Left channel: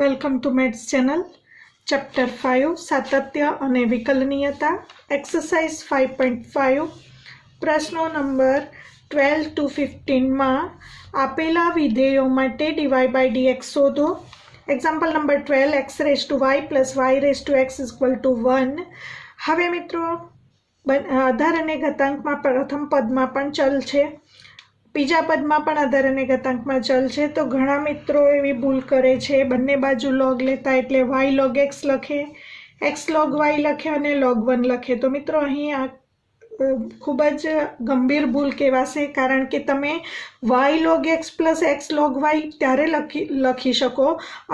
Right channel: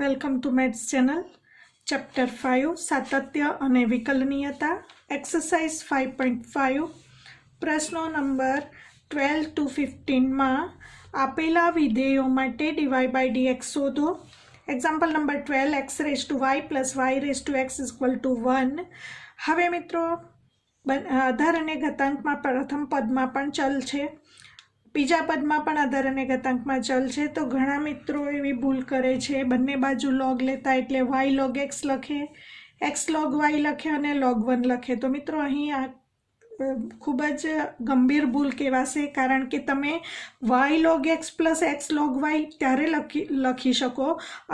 Welcome to maths channel. Chapter 5 સાતત્ય અને વિકલનીયતા, exercise 5.5 પ્રશ્નો નંબર 12 to 15 માં આપેલા વિધેયો માટે dy by dx શોધો. Example number 12 x raised to y plus y raised to x is equal to 1. હવે મિત્રો આધાર અને ઘાતાંકમાં પ્રથમ પદમાં પણ ચલ છે, બીજા પદમાં પણ આધાર અને ઘાતાંકમાં ચલ છે. તો ઘણા મિત્રો એવી ભૂલ કરે છે, બંને બાજુ log લેતા એટલે y log x લખે, x log y લખે અને log 1 લખે. તો મિત્રો અહીં આ ખૂબ જ ગંભીર ભૂલ કહેવાશે, કારણ કે તમે y log x plus x log y ત્યારે લખી શકો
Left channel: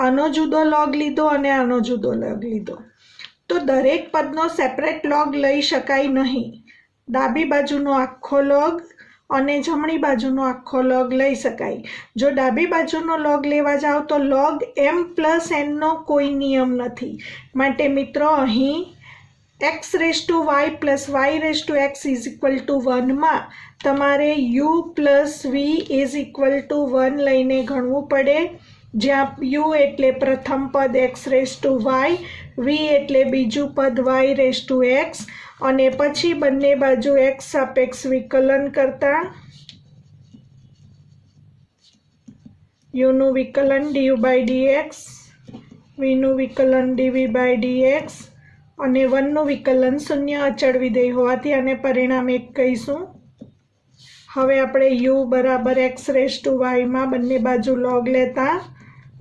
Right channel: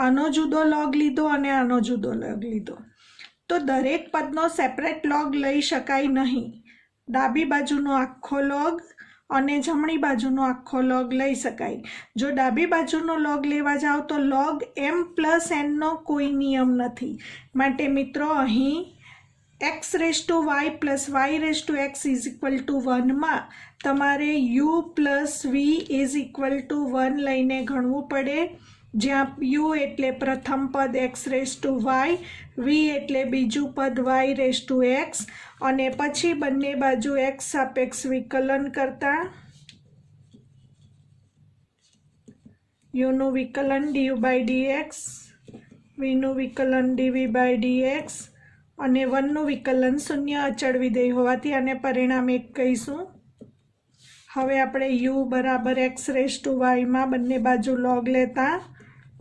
આનો જુદો log લીધો અને આનો જુદો log લીધો. તો દરેક પદનો સેપરેટ log લઈ શકાય નહીં. ડાબી બાજુનો આખો log અને જમણી બાજુનો આખો log લઈ શકાય. જો ડાબી બાજુનો log લેવા જાઓ તો log m plus n નો કોઈ નિયમ નથી. માટે મિત્રો અહીં x raised to y plus y raised to x is equal to 1 માં તમારે u plus v is equal to 1 લઈને ગણવું પડે, જ્યાં u એટલે પ્રથમ પદ x raised to y, v એટલે બીજું પદ y raised to x, અને પછી બંને બાજુ x સાપેક્ષ વિકલન કરતા u નું વિકલન du by dx, v નું વિકલન dv by dx અને 1 નું વિકલન શૂન્ય અચળ વિધેય હોવાથી અને પરિણામ 1 કહીશું. હવે આપણે u બરાબર x raised to y માં બંને બાજુ log લેતા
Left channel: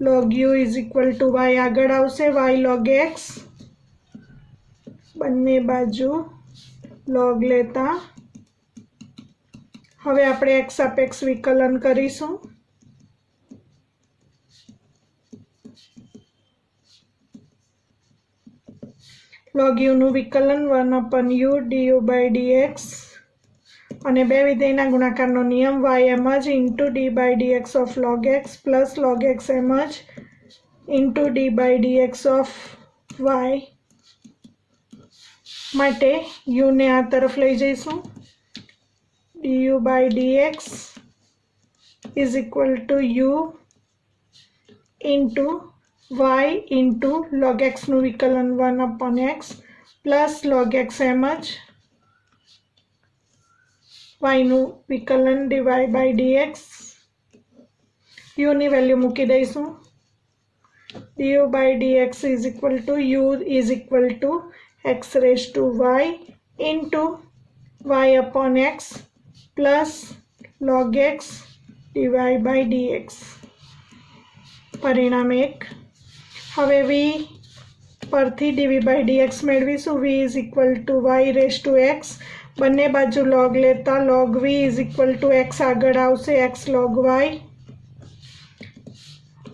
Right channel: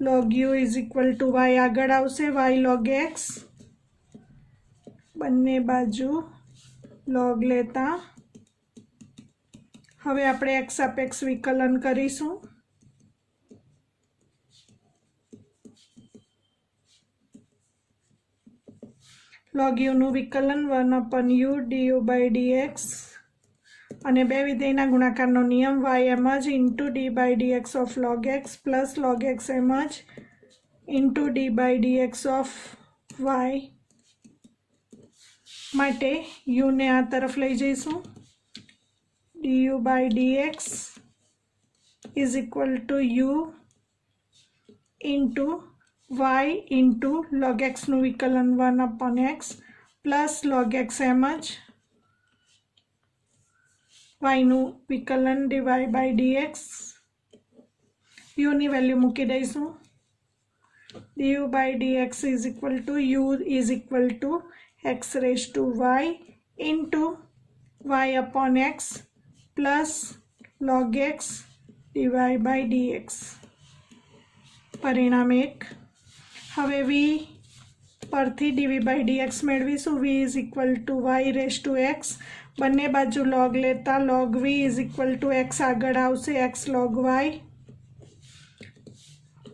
log u is equal to y આગળ આવશે, y log x બંને બાજુ log લેતા હવે આપણે x સાપેક્ષ વિકલન કરીશું. log u નું વિકલન 1/u du by dx અને બે વિધેયના ગુણાકારનો નિયમ y એમ જ into d by dx of log x plus log x એમ જ into d by dx of y. માટે u ને આ તરફ લઈ જઈશું. du by dx is equal to u into y into log x નું વિકલન 1/x પ્લસ log x એમ જ y નું વિકલન dy by dx. u ની વેલ્યુ મૂકી દઈશું. du by dx is equal to u is equal to x raised to y into y upon x plus log x dy by dx. પરિણામ 1. હવે v પરથી dv by dx મેળવીશું. v is equal to y raised to x, બંને બાજુ log લેતા log v is equal to x આગળ આવશે, x log y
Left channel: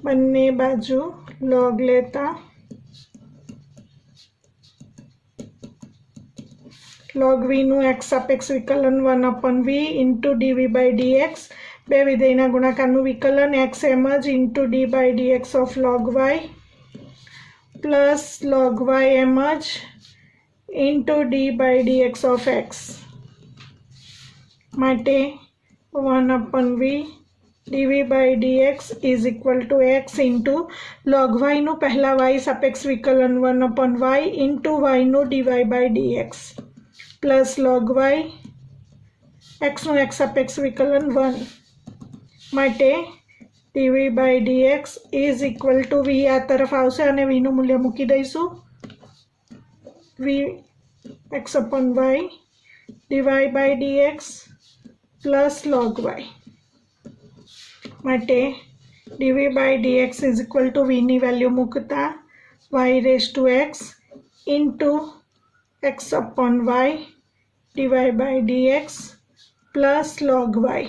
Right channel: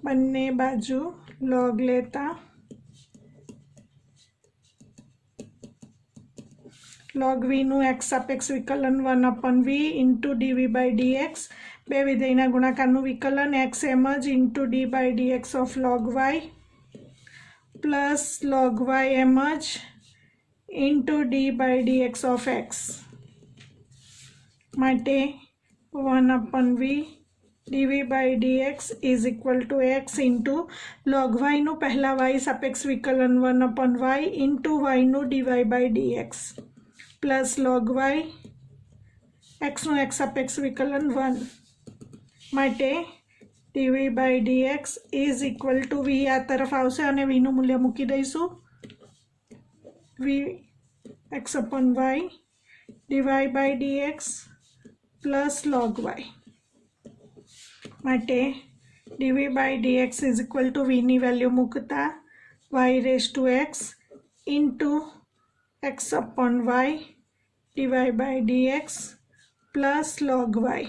બંને બાજુ log લેતા log v નું x સાપેક્ષ વિકલન 1/v into dv by dx, બે વિધેયના ગુણાકારનું વિકલન x એમ જ into d by dx of log y plus log y એમ જ into d by dx of x. માટે 1/v dv by dx is equal to x into log y નું પહેલા y સાપેક્ષ વિકલન 1/y into y નું dy by dx plus log y x નું x સાપેક્ષ વિકલન 1. માટે dv by dx is equal to v આ તરફ આવશે અને v નું મૂલ્ય મૂકી દઈશું. v x upon y dy by dx plus log y. માટે dv by dx is equal to v ની વેલ્યુ મૂકતા y raised to x into x upon y dy by dx plus log y.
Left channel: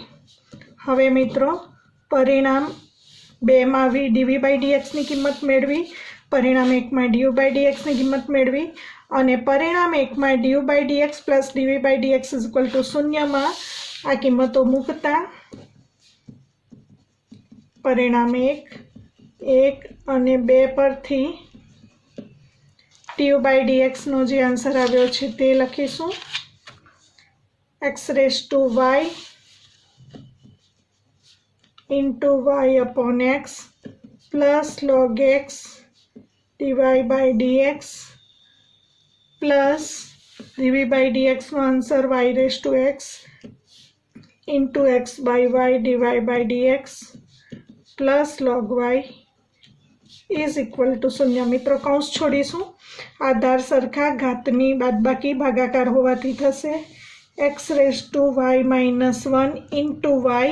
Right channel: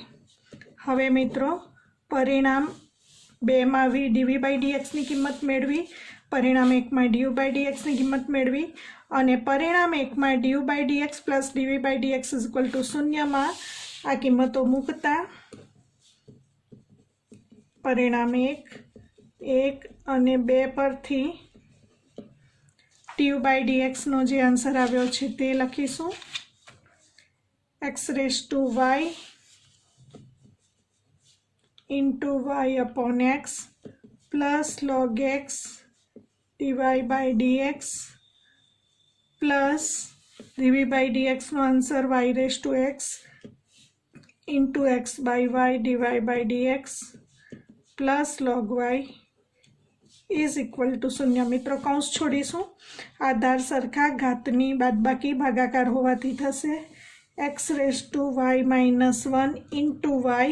હવે મિત્રો પરિણામ 2 માં v dv by dx ની કિંમત મેળવી, પરિણામ 1 માં du by dx ની કિંમત મેળવી અને પરિણામ 1 માં du by dx plus dv by dx is equal to 0 માં આ કિંમતો મૂકતા પરિણામ 1 અને 2 પરથી du by dx નો જે આન્સર આવ્યો છે તે લખીશું. x raised to y into y upon x plus log x dy by dx plus dv by dx નો answer y raise to x into x by y dy by dx plus log y is equal to 0। मित्रों कौंस छोड़ीशुं, आधार सरखा घातनी बादबाकी भागाकार होवाथी थशे x raise to y minus 1 into y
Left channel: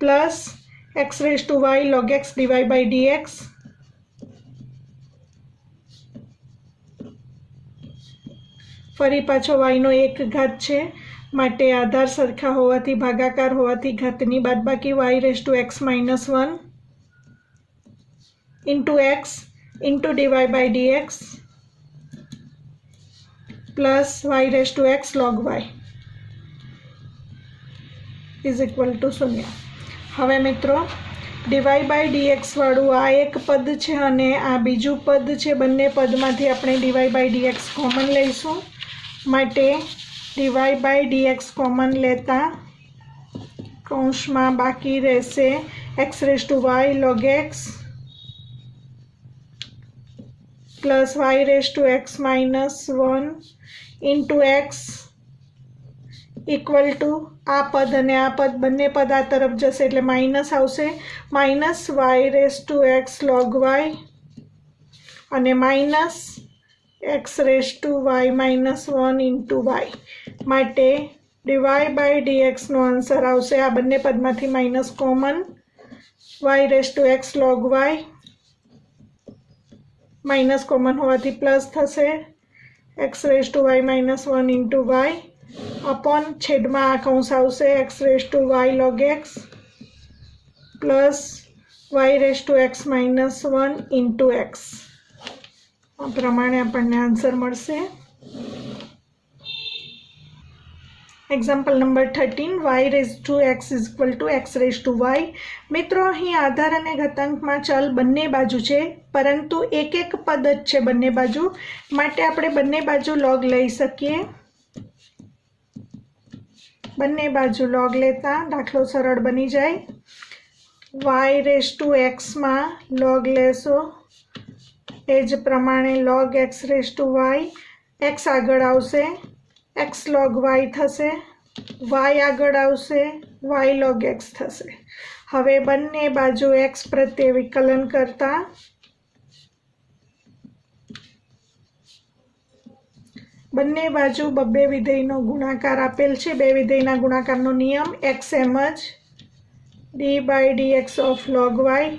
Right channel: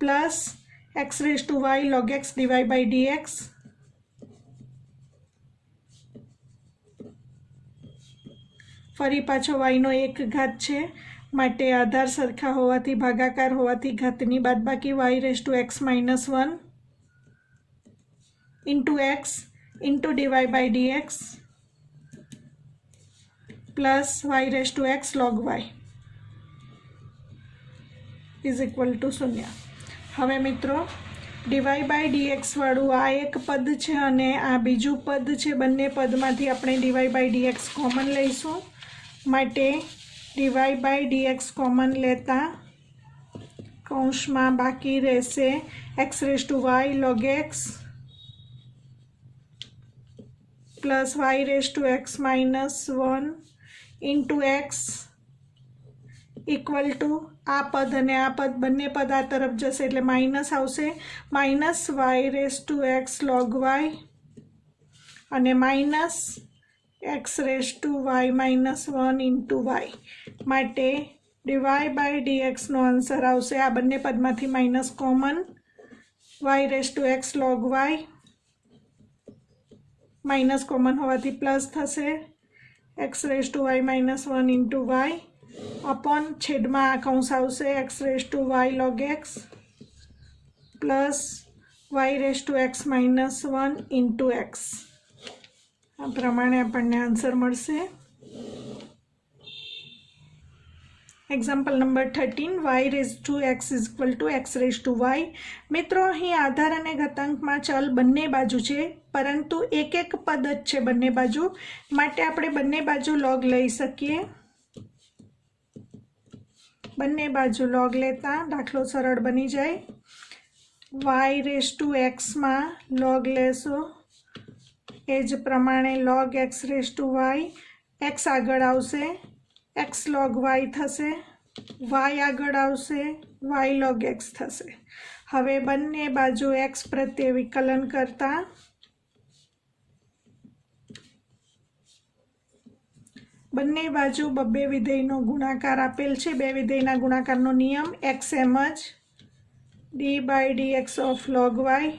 plus x raise to y log x dy by dx फरी पाछो y no एक घात छे माटे आधार सरखा होवाथी भागाकार होवाथी घातनी बादबाकी y raise to x minus 1 into x into dy by dx plus y raise to x log y is equal to 0। हवे मित्रों dy by dx वाळुं आ एक पद छे अने आ बीजुं पद छे, बंने पदमांथी आपणे dy by dx कॉमन लईशुं माटे dy by dx कॉमन लेता कौंसमां बाकी रहेशे x raise to y log x plus y raise to x minus 1 into x equal to आ पद अने आ पद बंने पद आ तरफ जशे एटले माइनस आवशे minus y raise to x log y अने minus x raise to y minus 1 into y माटे dy by dx नो आंसर आवशे आ बंने पदमांथी minus common y raise to x log y minus common होवाथी प्लस थशे x raise to y minus 1 into y upon छेदमां आ कौंस आवशे x raise to y log x plus y raise to x minus 1 into x आ प्रमाणे आपणने answer मळशे। Example number 13 y raise to x is equal to x raise to y। मित्रों अहीं आधार अने घातांकमां चल बंने बाजू छे परंतु एक एक पद ज छे बंने बाजू माटे आपणे बंने बाजू लॉग लई शकीए। बंने बाजू लॉग लेता दाखलो सरळ बनी जाय। y रेज़ टू x मां लॉग लेशो एज प्रमाणे log x raise to y x आगळ आवशे x log y थशे y आगळ आवशे y log x थशे। हवे बंने बाजू x प्रत्ये विकलन करता बंने बाजू बब्बे विधेयनो गुणाकार आपेल छे। बे विधेयना गुणाकारनो नियम x एमज d by dx of log y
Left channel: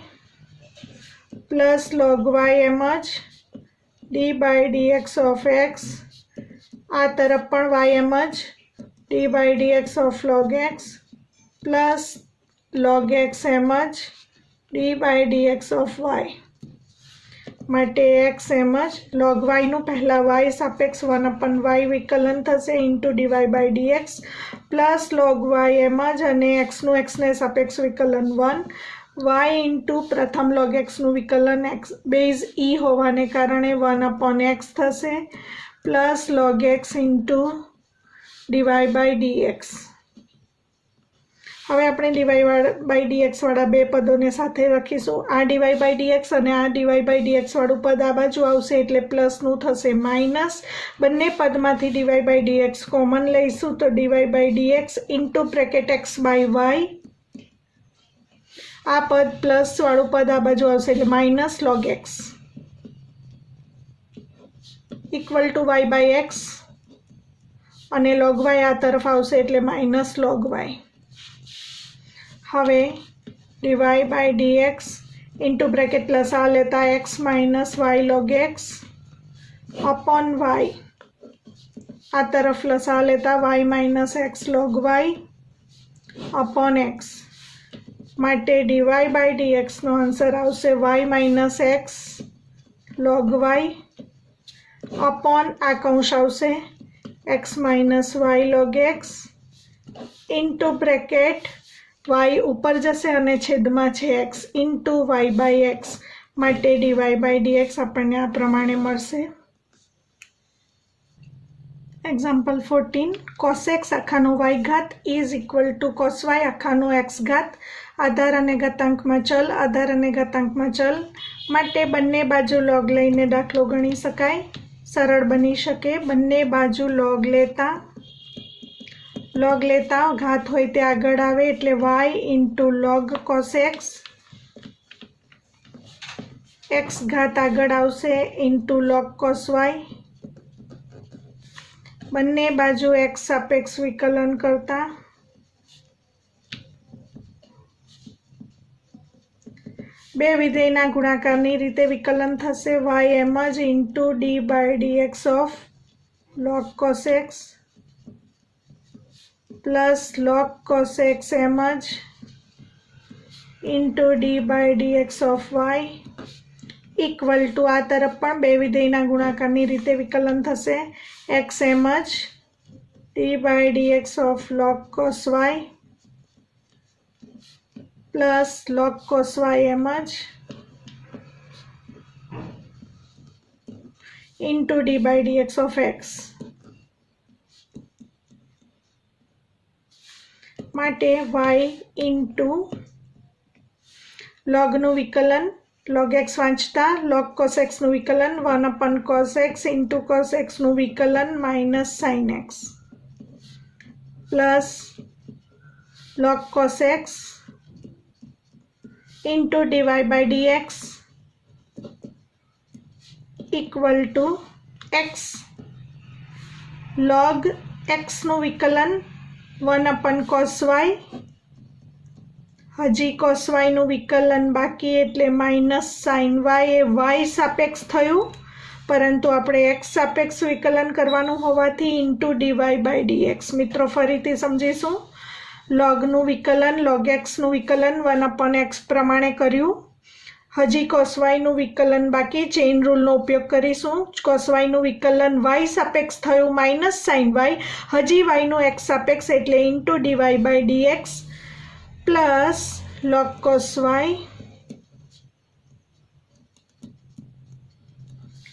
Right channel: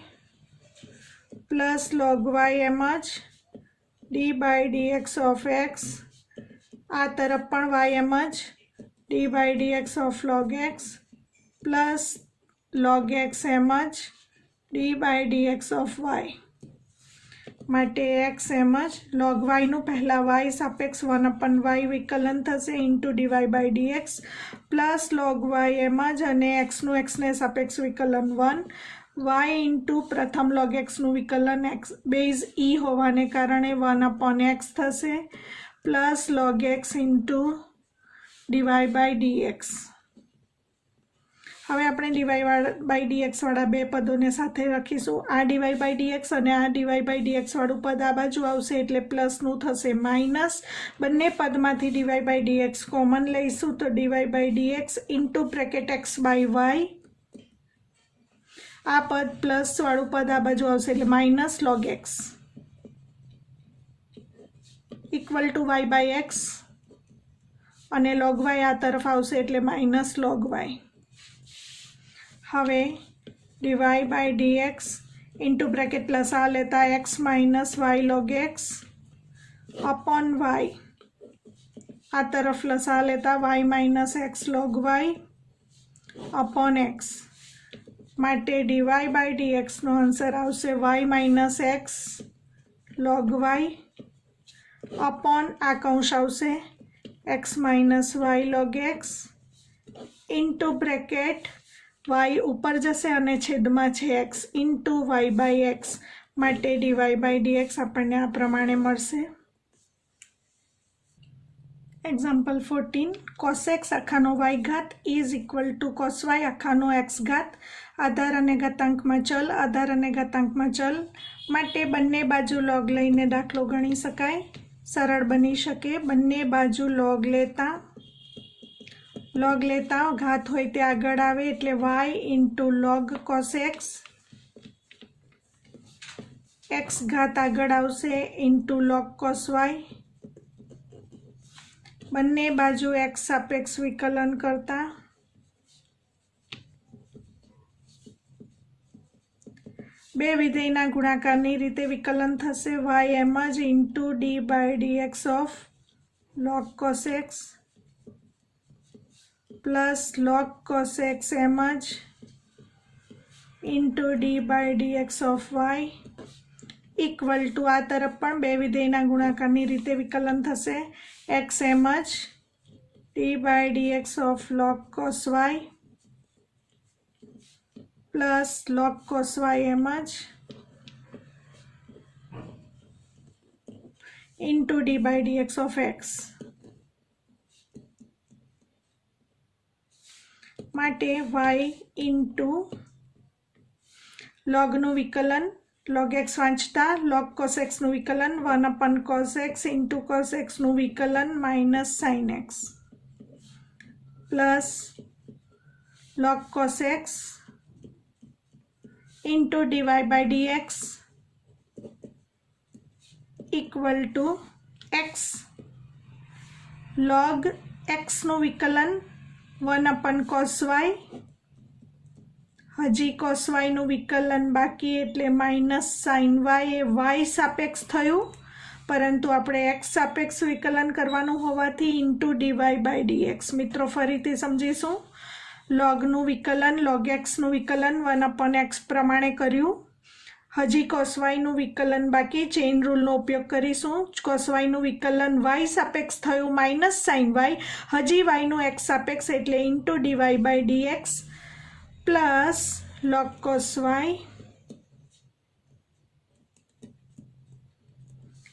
plus log y एमज d by dx of x आ तरफ पण y एमज d by dx of log x plus log x एमज d by dx of y माटे x एमज log y नु पहला y सापेक्ष 1/y विकलन थशे into dy by dx plus log y एमज अने x नु x ने सापेक्ष विकलन 1 y इंटू प्रथम log x नु विकलन x बेज e होवाने कारणे 1/x थशे plus log x into dy by dx। हवे आपणे dy by dx वाळा बे पदोने साथे लखीशुं। आ dy by dx अने आ dy by dx वाळुं पद आ बाजू आवशे एटले प्लस नुं थशे माइनस बंने पदमांथी dy by dx कॉमन लईशुं तो dy by dx into bracket x by y आ पद प्लस वाळुं पद आ बाजू आवशे एटले minus log x equal to y by x अने log y आ तरफ आवशे एटले माइनस log y। हवे dy by dx into bracket plus आ लेता x minus y log x upon y आ तरफ प्लस आ लेता y minus x log y upon x माटे dy by dx नो आंसर आवशे y minus x log y upon आ कौंस आवशे x minus y log x into bracket y ऊपर जशे अने छेदमां छे x into y by x माटे dy by dx आपणे आ प्रमाणे मळशे। एक्जाम्पल 14 cos x आखानो y घात is equal to cos y आखानो x घात। आधार अने घातांकमां चल, आधार अने घातांकमां चल माटे बंने बाजू लॉग लईने दाखलो गणी शकाय, सरळ बनी शके। बंने बाजू लॉग लेता घात होय ते आगळ आवे एटले y into log cos x, x घात आगळ आवशे इंटू लॉग cos y। बंने बाजू x सापेक्ष विकलन करता बे विधेयना गुणाकारनी रीते विकलन थशे y एम ज into D by D X of log cos x plus log cos x एम ज into D by D X of y equal to आ तरफ पण बे विधेयना गुणाकारनी रीते विकलन थशे x एम ज D by D X of log cos y plus log cos y एम ज into D by D X of x माटे y इंटू log नु विकलन log x वांचता log cos x नु विकलन 1 cos x into cos x नु विकलन minus sin x plus log cos x into D Y by D X equal to x log x नु विकलन 1 cos y, हजी cos y नु विकलन बाकी एटले माइनस sin y ए y सापेक्ष थयुं परंतु आपणे x सापेक्ष विकलन करवानुं होवाथी into D Y by D X. मित्रों फरीथी समजीशुं log नु विकलन log x नु विकलन 1 x प्रमाणे कर्युं, हजी cos y नु विकलन बाकी चेन रूल नो उपयोग करीशुं। cos y नु विकलन y सापेक्ष थयुं माइनस sin y, हजी y नु x सापेक्ष एटले into D Y by D x plus log cos y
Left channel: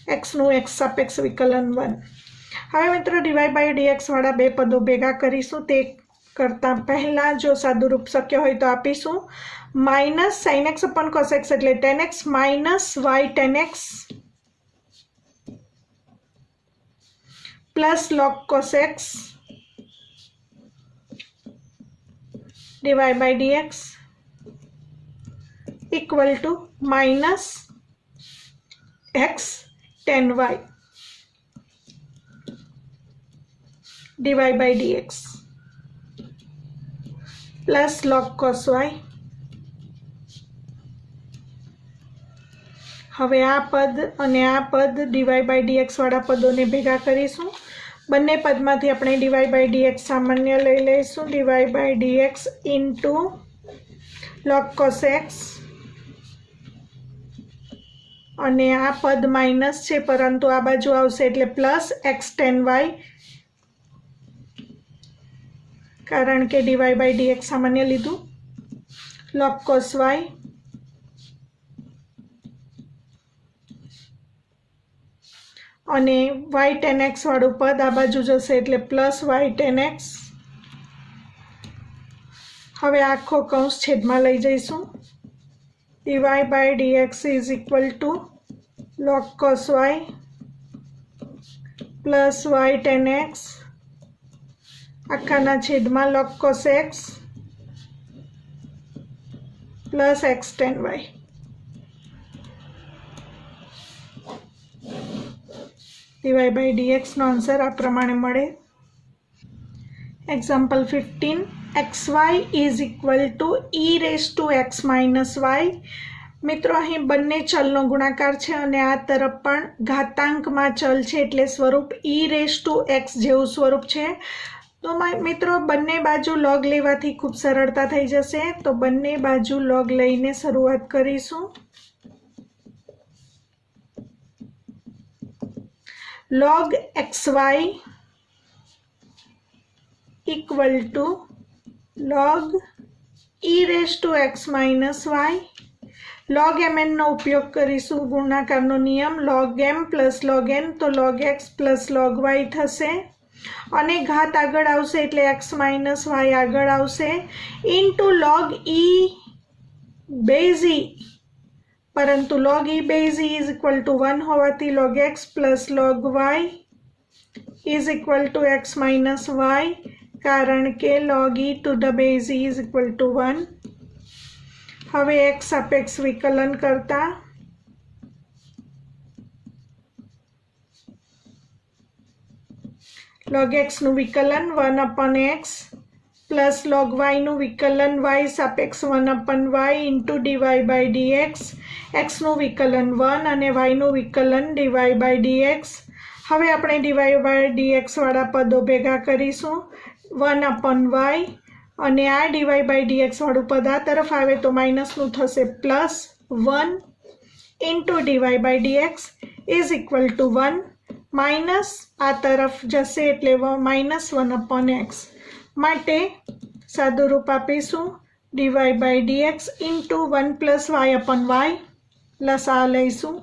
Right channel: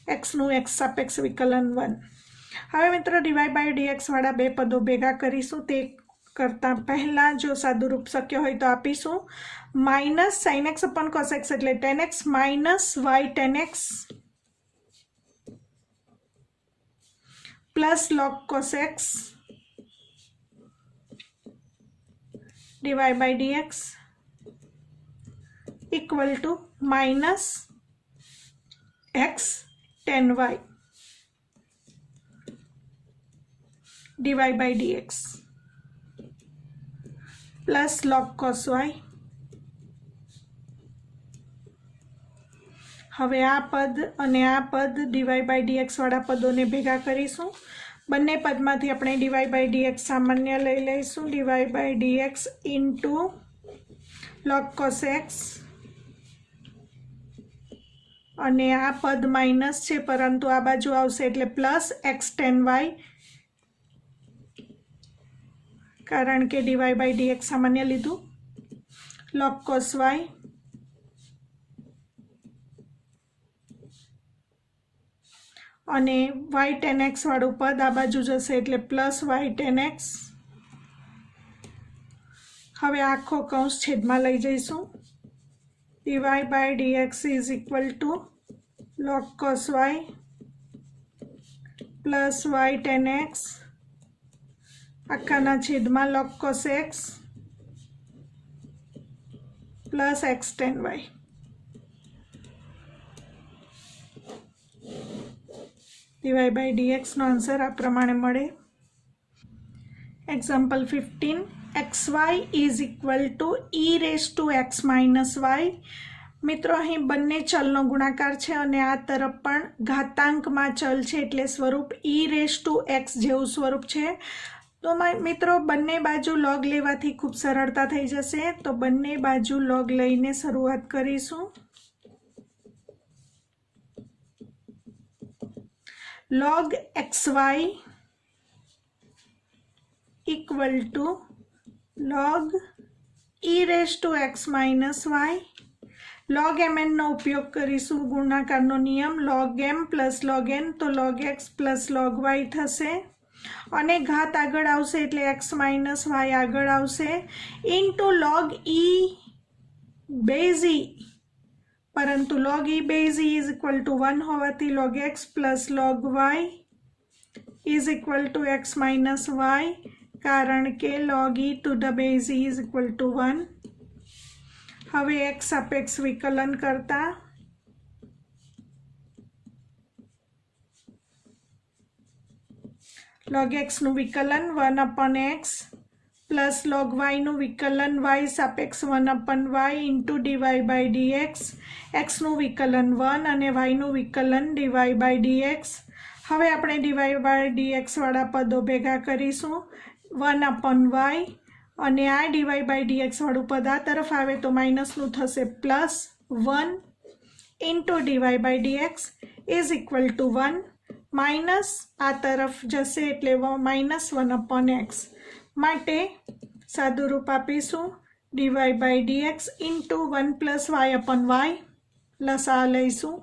x नु x सापेक्ष विकलन 1। हवे मित्रों D Y by D x वाळा बे पदो भेगा करीशुं, ते करता पहला जो सादुरूप शक्य होय तो आपीशुं माइनस sin x अपन cos x एटले tan x minus y tan x plus log cos x dy by dx equal to minus x tan y dy by dx plus log cos y। हवे आ पद अने आ पद dy by dx वाळा पदोने भेगा करीशुं। बंने पदमांथी आपणे dy by dx सामान्य लई लईशुं, dy by dx into log cos x अने आ पद माइनस छे परंतु आ बाजू आवशे एटले प्लस x tan y कारण के dy by dx सामान्य लीधुं log cos y अने y tan x वाळुं पद आ बाजू जशे एटले प्लस y tan x। हवे आखो कौंस छेदमां लई जईशुं, dy by dx is equal to log cos y प्लस y tan x आखाना छेदमां log cos x प्लस x tan y। dy by dx नो आंसर आ प्रमाणे मळे। Example 15 xy is equal to e raise to x minus y। मित्रों अहीं बंने चलनो गुणाकार छे अने आ तरफ पण घातांकमां चल छे एटले स्वरूप e रेज टू x जेवुं स्वरूप छे। तो मित्रों बंने बाजू लॉग लेवाथी खूब सरळता थई जशे, तो बंने बाजू लॉग लईने शरूआत करीशुं। log xy equal to log e raise to x minus y। log mn नो उपयोग करीशुं गुणाकारनो नियम log m plus log n तो log x plus log y थशे अने घात आगळ आवशे एटले x माइनस y आगळ आवशे इंटू log e બેઝ ઈ, પરંતુ log e base E is equal two 1 હોવાથી log x plus log y is equal two x minus y, કારણ કે log e to the base E is equal two 1. હવે x સાપેક્ષ વિકલન કરતા log x નું વિકલન 1/x પ્લસ log y નું વિકલન y સાપેક્ષ 1/y ઇન્ટુ dy/dx, x નું વિકલન 1 અને y નું વિકલન dy/dx. હવે આપણે dy/dx વાળા પદો ભેગા કરીશું 1/y, અને આ dy/dx વાળું પદ આ તરફ આવે તો માઇનસનું થશે plus 1 into dy/dx is equal two 1, minus આ તરફ જશે એટલે -1/x. માટે સાદું રૂપ આપીશું dy/dx ઇન્ટુ 1 + y/y. લસા લઈશું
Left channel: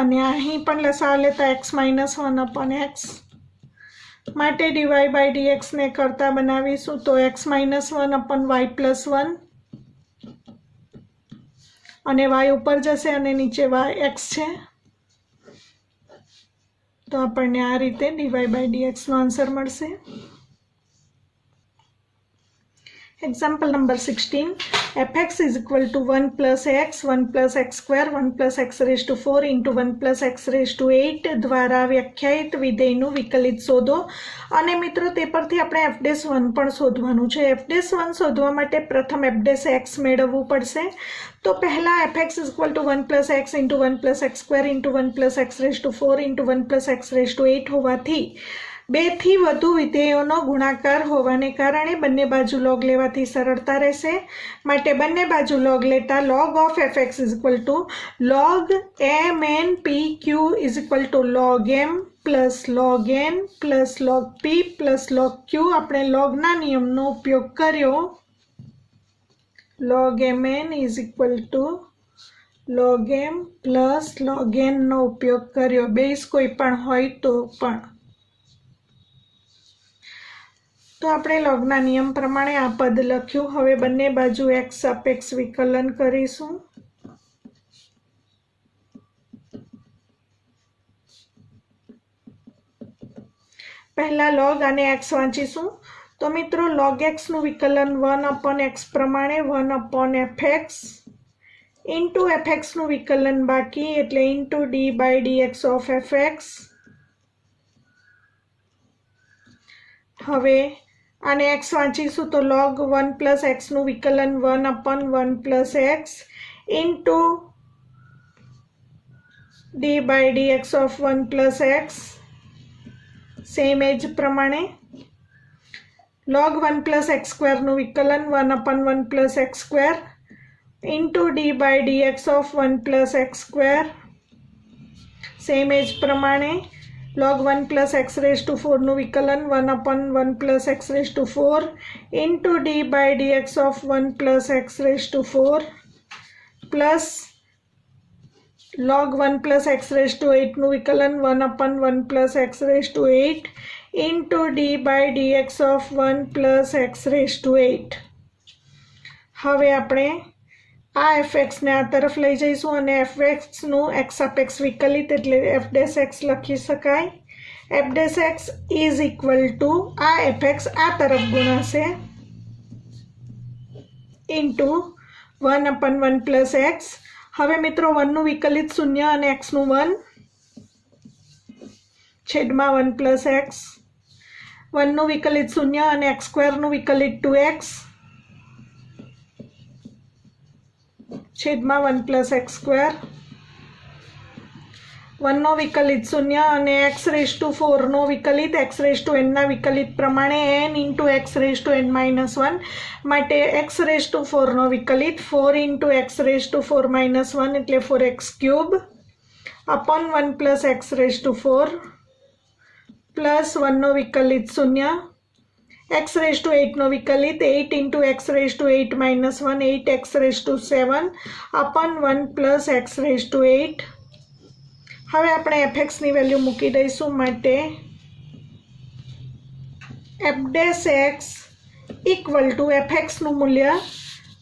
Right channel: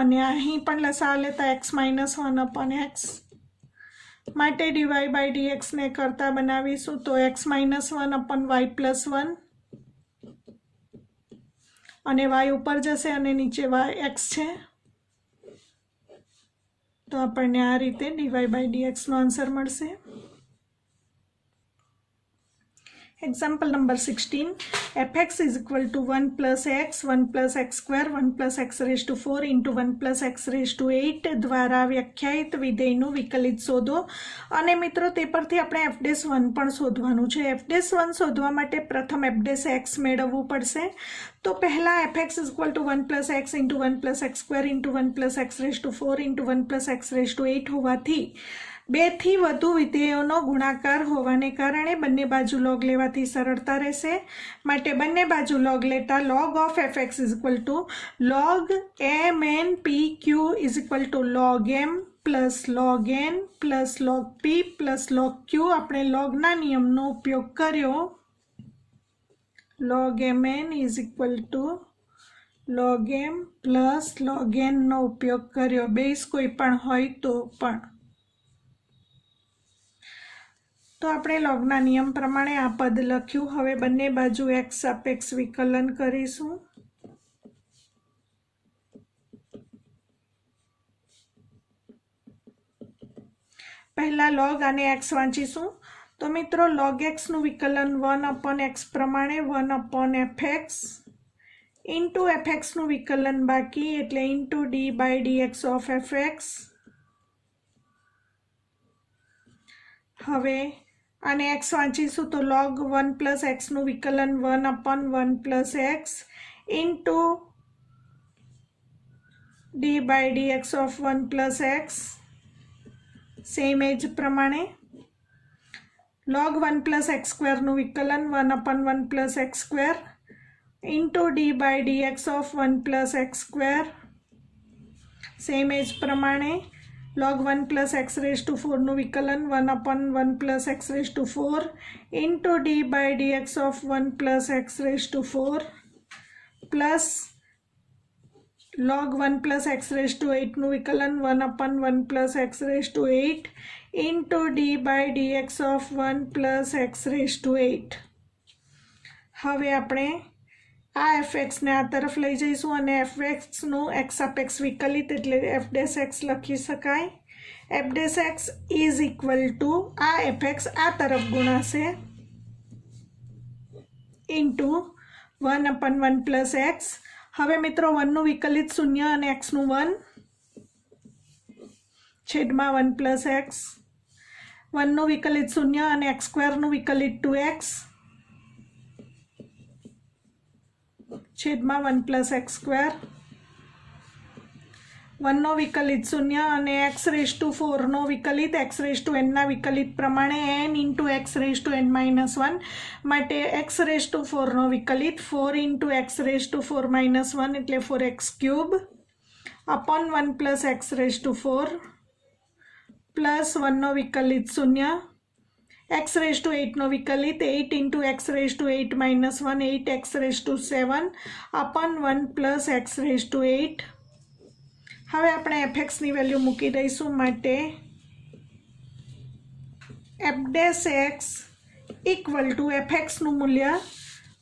અને અહીં પણ લસા લેતા x -1/x. માટે dy/dx ને કરતા બનાવીશું તો x -1/y + 1, અને y ઉપર જશે અને નીચે x છે, તો આપણને આ રીતે dy/dx નો આન્સર મળશે. Example number 16. fx is equal to 1 + x, 1 + x², 1 + x raised to 4 into 1 + x raised to 8 દ્વારા વ્યાખ્યાયિત વિધેયનું વિકલિત શોધો. અને મિત્રો તે પરથી આપણે f'1 પણ શોધવાનું છે. f'1 શોધવા માટે પ્રથમ f'(x) મેળવવું પડશે. તો પહેલા fx is equal to 1 + x into 1 + x² into 1 + x raised to 4 into 1 + x raised to 8 હોવાથી 2 થી વધુ વિધેયોનો ગુણાકાર હોવાને કારણે બંને બાજુ log લેવાથી સરળતા રહેશે. માટે બંને બાજુ log લેતા log of fx is equal to log mn pq is equal to log m plus log n plus log p plus log q. આપણે logના નિયમનો ઉપયોગ કર્યો. log mn is equal to log m plus log n નો ઉપયોગ કર્યો. Base કોઈ પણ હોય તો પણ. તો આપણે logના નિયમ પ્રમાણે આ પદ લખ્યું. હવે બંને બાજુ x સાપેક્ષ વિકલન કરીશું. પહેલા log અને x વાંચીશું. તો મિત્રો log x નું વિકલન 1/x પ્રમાણે 1/fx ઇન્ટુ fx નું વિકલન બાકી એટલે ઇન્ટુ d/dx of fx. હવે આને x વાંચીશું તો log 1 + x નું વિકલન 1/1 + x into d/dx of 1 + x. Same એજ પ્રમાણે log 1 + x² નું વિકલન 1/1 + x² into d/dx of 1 + x². Same એજ પ્રમાણે log 1 + x raised to 4 નું વિકલન 1/1 + x raised to 4 into d/dx of 1 + x raised to 4 plus log 1 + x raised to 8 નું વિકલન 1/1 + x raised to 8 into d/dx of 1 + x raised to 8. હવે આપણે આ fx ને આ તરફ લઈ જઈશું અને fx નું x સાપેક્ષ વિકલિત એટલે f'(x) લખી શકાય. f'(x) is equal to આ fx આ તરફ ગુણાશે ઇન્ટુ 1/1 + x. હવે મિત્રો 1 નું વિકલિત 0 અને x નું 1 છેદમાં 1 + x. 1 નું વિકલિત 0 અને x² નું વિકલિત 2x છેદમાં 1 + x². 1 નો વિકલિત 0 અને x raised to 4 નો વિકલિત x raised to n ના વિકલિત પ્રમાણે n into x raised to n - 1. માટે x raised to 4 નો વિકલિત 4 into x raised to 4 - 1 એટલે 4x³ upon 1 + x raised to 4 plus 1 નો વિકલિત 0 x raised to 8 નો વિકલિત 8 into x raised to 8 - 1 8x raised to 7 upon 1 + x raised to 8. હવે આપણે fx ની value મૂકી દઈશું. માટે f'(x) equal to fx નું મૂલ્ય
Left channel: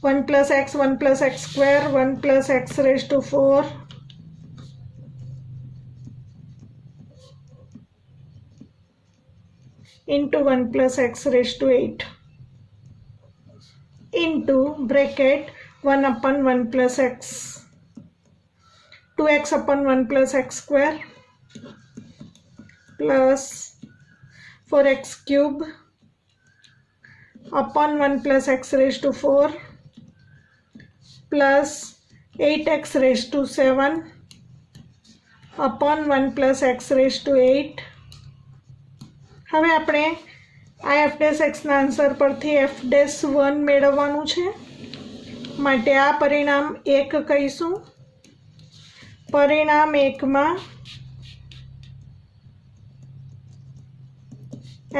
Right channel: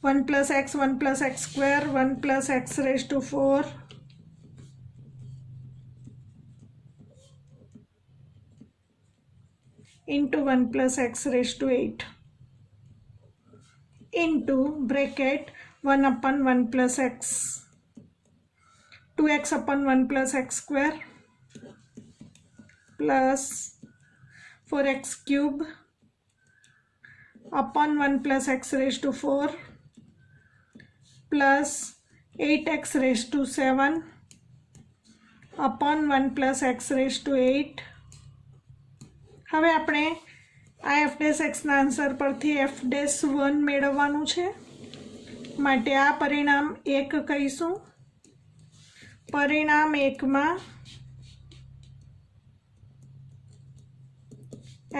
1 plus x square 1 plus x raised to 4 into 1 plus x raised to 8 into bracket 1 upon 1 plus x 2x upon 1 plus x square plus 4x cube upon 1 plus x raised to 4 plus 8x raised to 7 upon 1 plus x raised to 8. હવે આપણે આ F dash એક્સના answer પરથી F dash 1 મેળવવાનું છે માટે આ પરિણામ 1 કહીશું. પરિણામ 1માં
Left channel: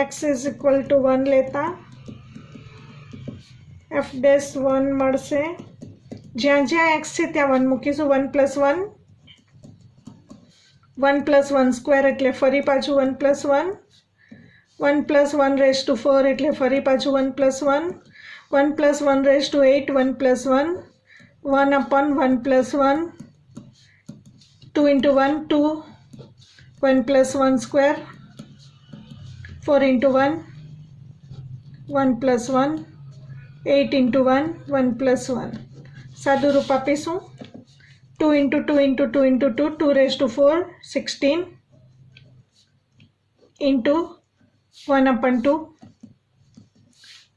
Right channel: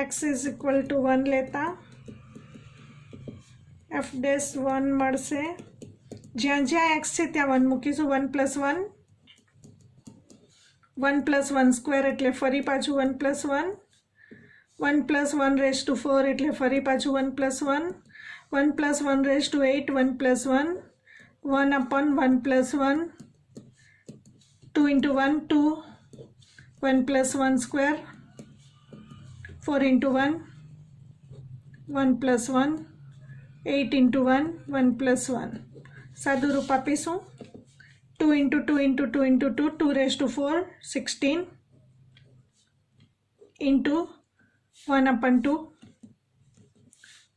x is equal to 1 લેતા એફ ડેશ 1 મળશે. જ્યાં જ્યાં x છે ત્યાં 1 મૂકીશું. 1 plus 1 1 plus 1 square એટલે ફરી પાછું 1 plus 1 1 plus 1 raised to 4 એટલે ફરી પાછું 1 plus 1 1 plus 1 raised to 8 1 plus 1 1 upon 1 plus 1 2 into 1 2 1 plus 1 square 4 into 1 1 plus 1 8 into 1 1 plus 1 સાદું રૂપ આપીશું. 2 into 2 into 2 into 2 2 raised to 4 16 into 1 upon 2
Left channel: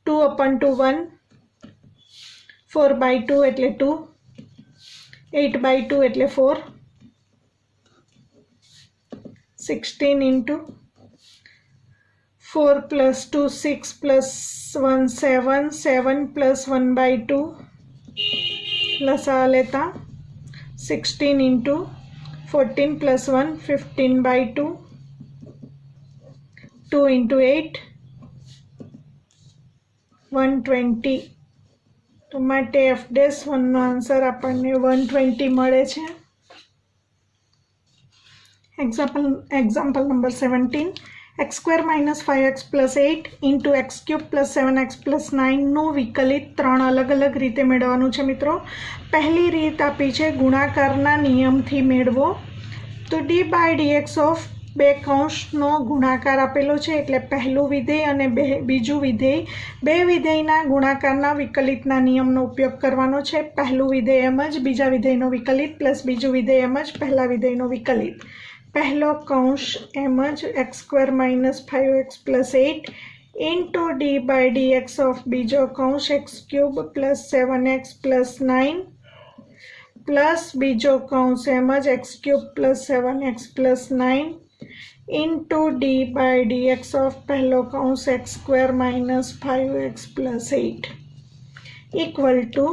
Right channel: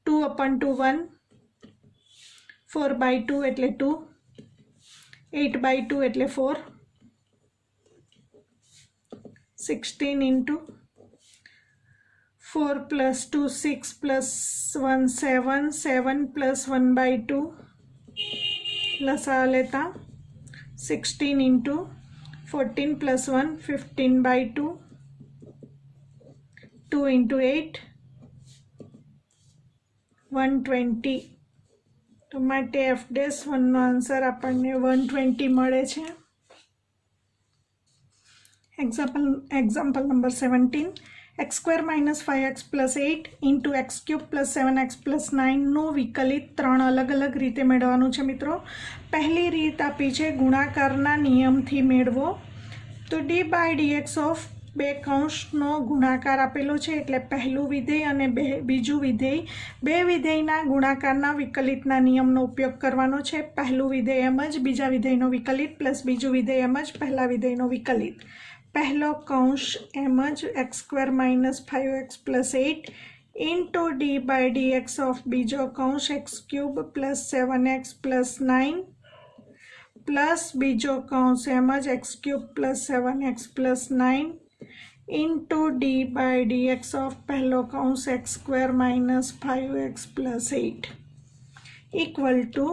2 upon 2 1 4 by 2 એટલે 2 8 by 2 એટલે 4 16 into 4 plus 2 6 plus 1 7 7 plus 1 by 2 લસા લેતા 16 into 14 plus 1 15 by 2 2 into 8 120. તો માટે F dash 1નો answer આપણને 120 મળે છે. Example number 17 x square minus 5x plus 8 into x cube plus 7x plus 9નું વિકલિત 3 અલગ અલગ રીતે મેળવવાનું છે મિત્રો. પહેલી રીત આપી છે ગુણાકારના નિયમથી મેળવો. તો d by dx of બે કૌંસનો ગુણાકાર આપેલો છે એટલે પહેલું વિધેય અને બીજું વિધેય બે વિધેયના ગુણાકારના વિકલિતના નિયમનો ઉપયોગ કરવાનો છે. પહેલું વિધેય એમ જ બીજા વિધેયનો વિકલિત પ્લસ બીજું વિધેય એમ જ પહેલા વિધેયનો વિકલિત. પહેલો કૌંસ એમ જ X square minus 5x plus 8 into D by dx of બીજો કૌંસ X cube plus 7x plus 9 plus બીજો કૌંસ એમ જ X cube plus 7x plus 9 into d by dx of પહેલો કૌંસ x square minus 5x plus 8 equal to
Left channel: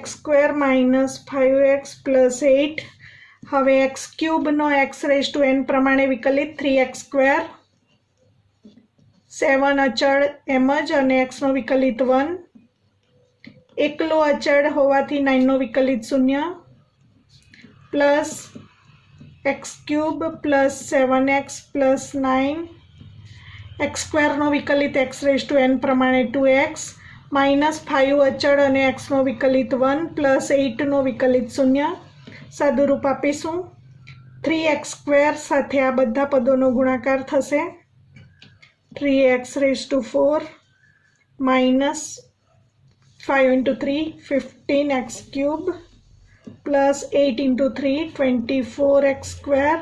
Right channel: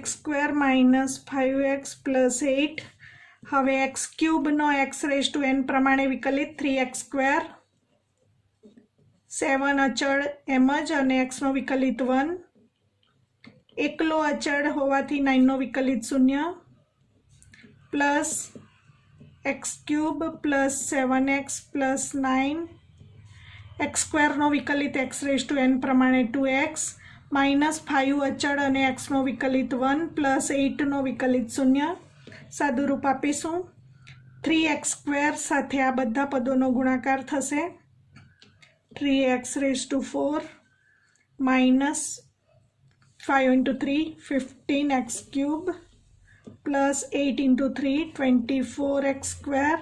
x square minus 5x plus 8. હવે x ક્યુબનો x raised to n પ્રમાણે વિકલિત 3x square 7 અચળ એમ જ અને x નો વિકલિત 1 એકલો અચળ હોવાથી 9 નો વિકલિત 0 plus x cube plus 7x plus 9 x square નો વિકલિત x raised to n પ્રમાણે 2x minus 5 અચળ અને x નો વિકલિત 1 plus 8 નો વિકલિત 0. સાદું રૂપ આપીશું. 3x square સાથે આ બધા પદોનો ગુણાકાર થશે 3x raised to 4 minus 5 into 3 15x cube plus 8 into 3 24x square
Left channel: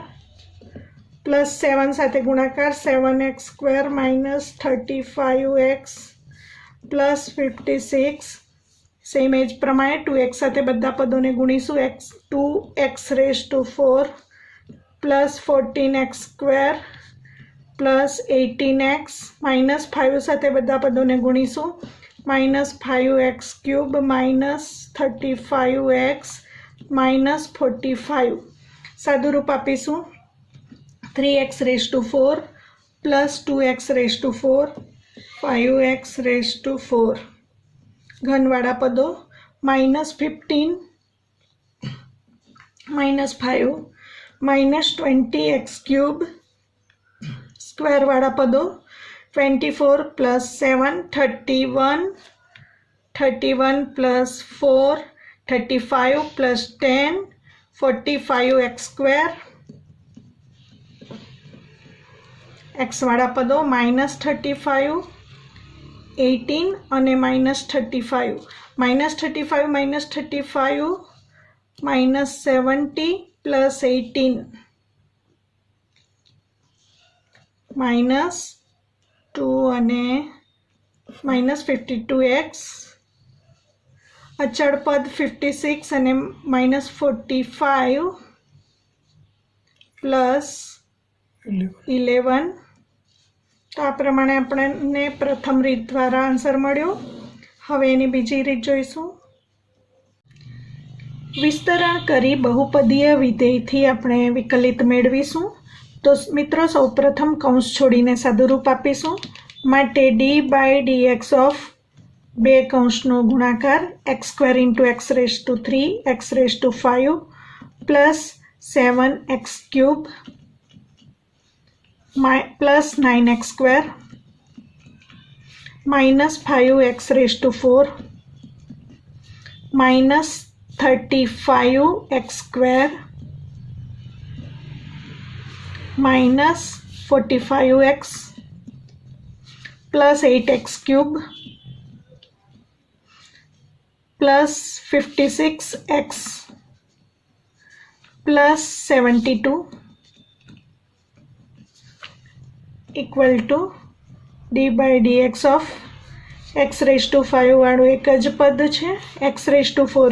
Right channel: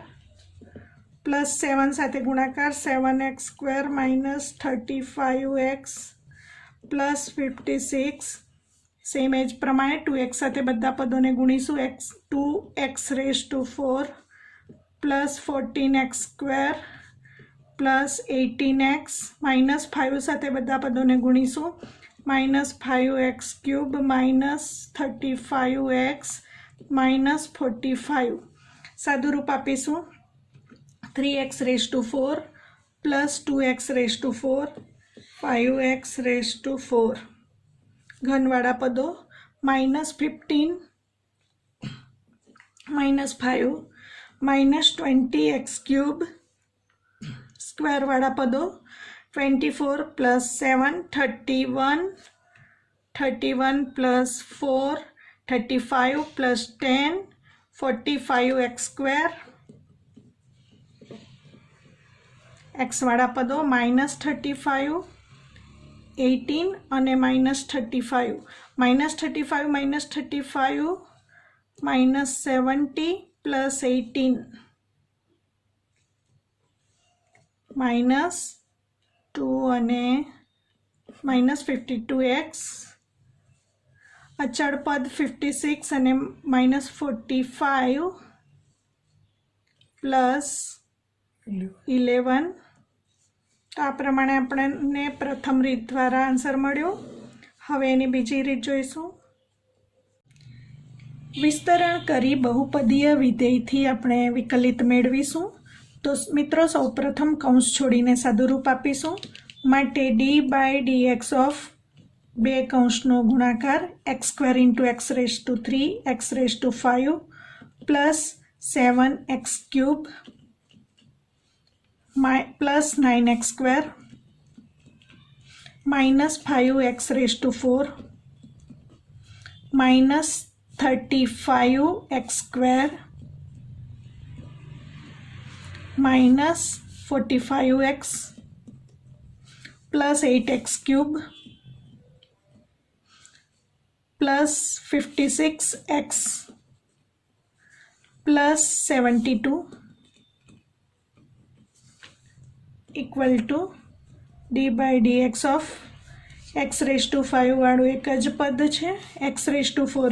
plus 7 સાથે ગુણાકાર 7x square minus 35x plus 56 same એજ પ્રમાણે 2x સાથે બધા પદોને ગુણીશું 2x raised to 4 plus 14x square plus 18x minus 5 સાથે બધા પદોને ગુણીશું minus 5x cube minus 35x minus 45. સાદું રૂપ આપીશું 3x raised to 4 plus 2x raised to 4 5x raised to 4. ઘનવાળા પદો minus 15 minus 5 minus 20x cube square વાળા પદો 24 plus 7 31 31 plus 4, 35 plus 10, 45x square. x વાળા પદો -35, 18 અને -35, -35 -70 plus 18 -2 અને -52x. અચળ પદ 56 અને -45 પ્લસ 11. તો આ પ્રમાણે આપણને પ્રથમ રીત દ્વારા આન્સર મળ્યો. હવે એની બીજી રીત જોઈશું. વિસ્તરણ કરી બહુપદીય વિધેયથી આપણે વિકલિત મેળવીશું. તો મિત્રો સૌપ્રથમ કૌંસ છોડીને સાદુરૂપ આપીશું. માટે d/dx ઓફ બે કૌંસનો ગુણાકાર x² × x⁵ x⁵ plus 7x³ plus 9x² minus 5x⁴ minus 35x² minus 45x plus 8x³ plus 56x plus 72 equal to d/dx of x⁵ વાળું એક જ પદ છે, x⁴